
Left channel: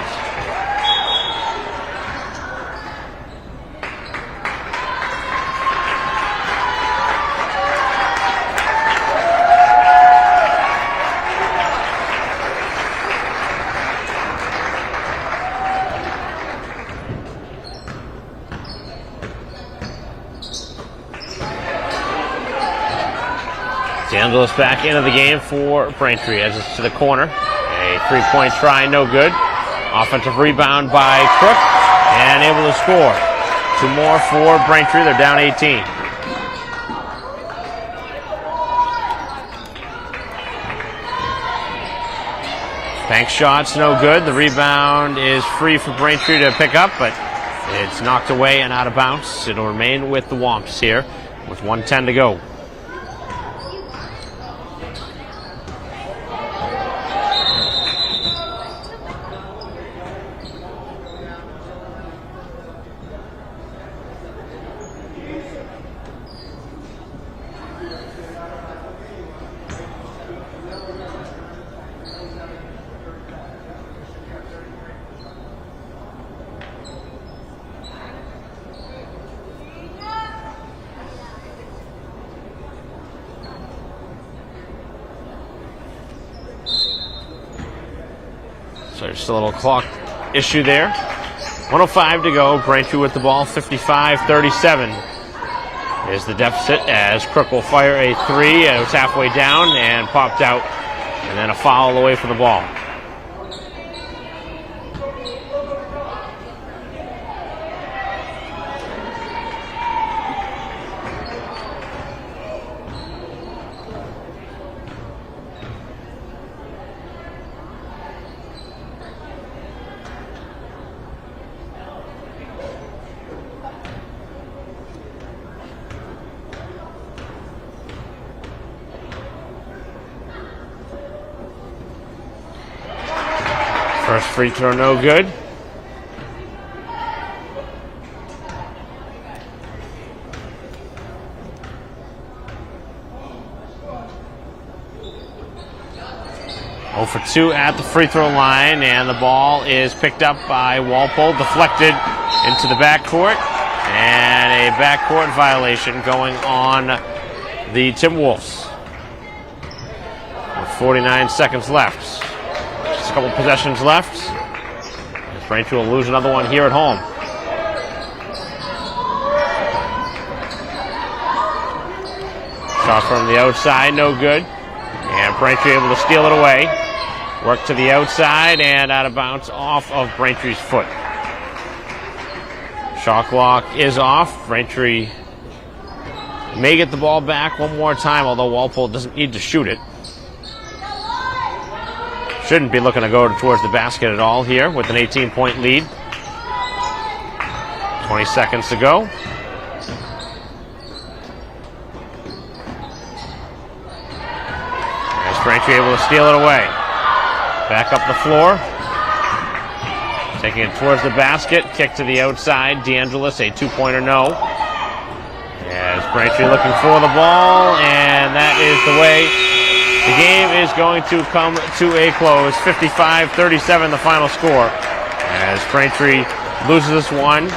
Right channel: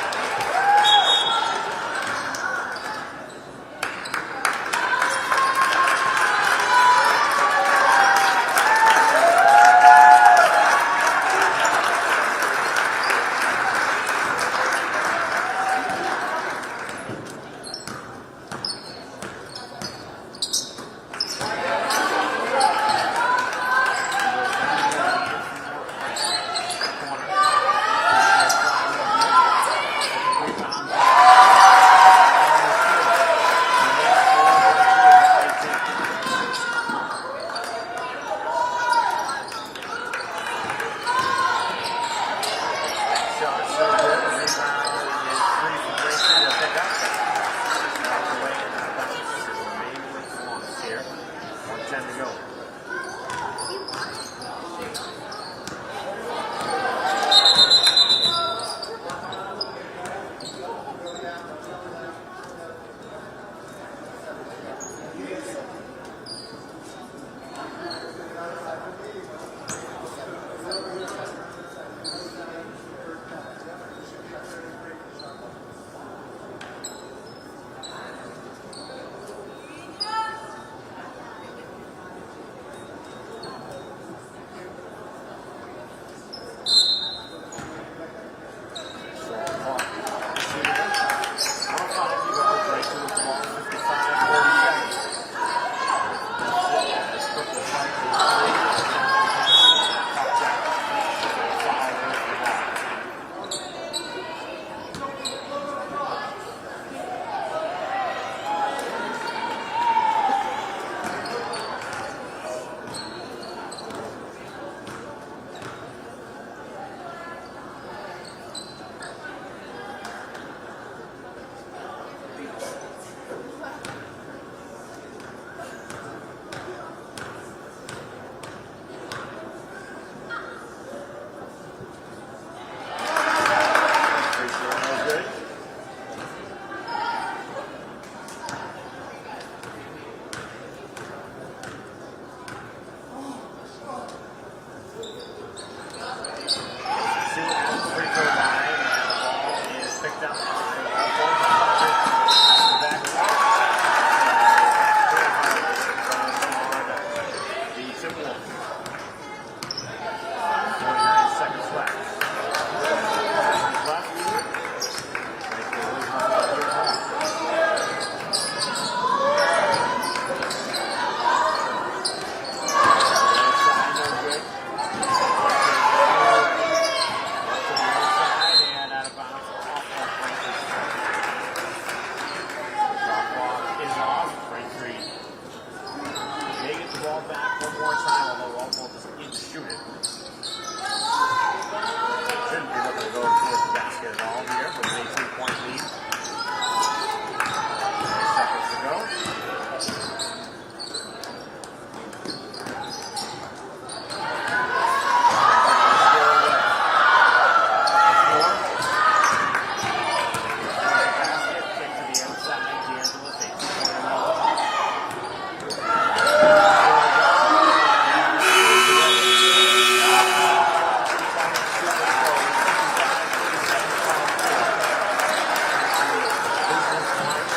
D'Angelo's back into the game for Braintree as it's to the corner. A three-point try, no good. Offensive rebound by Crook, and able to score. Two more for Braintree, they're down 18. Bank shot's no good. The rebound is free for Braintree to pick up, but it's knocked away and out of bounds. It'll remain with the Womps here with 1:10 to go. So just a little clock issue there. 1:05 to go. Braintree with the ball. 55-37 is the deficit as Crook will fire a three. It was halfway down and popped out. And then a foul away from the ball. First free throw, no good. For 2 at the free throw line, and the ball is picked up by Walpole, deflected into the backcourt, and a backcourt violation going on the Timberwolves. 49 seconds left. Just a couple possessions left. Braintree will lose another one here at home. Shot from the outside, no good. And Braintree able to steal it away. Work to the outside and out of bounds off of Braintree's foot. Shot clock is off. Braintree may get the ball back one more time, although Walpole doesn't need to shoot it. Shouldn't be looking to go towards the basket at all here with an 18-point lead. 20 seconds to go. As Braintree able to steal it away. Back up the floor. Taking it towards the basket. Kick to the outside. DeAngelis, a two-pointer no. As Braintree looking for the ball, and that is the way the game is going to come to a close. 55-37 the final score. As Braintree loses this one.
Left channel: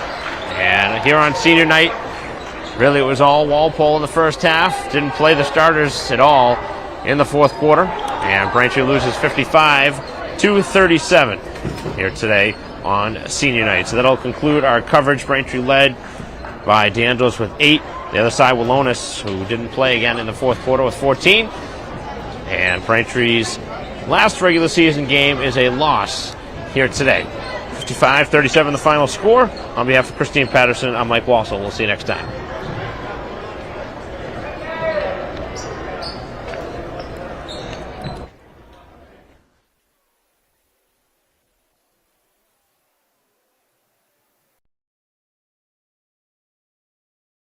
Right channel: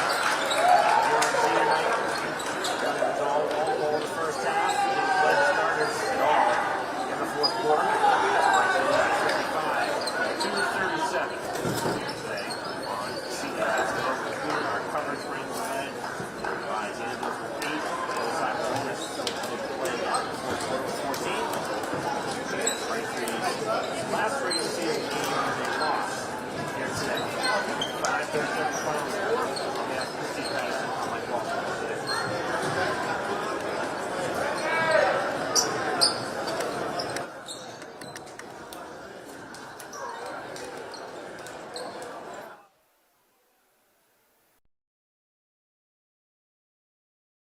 And here on senior night, really it was all Walpole in the first half. Didn't play the starters at all in the fourth quarter. And Braintree loses 55-37 here today on senior night. So that'll conclude our coverage. Braintree led by DeAngelis with 8. The other side, Willonis, who didn't play again in the fourth quarter, with 14. And Braintree's last regular season game is a loss here today. 55-37 the final score. On behalf of Christine Patterson, I'm Mike Walsall. We'll see you next time.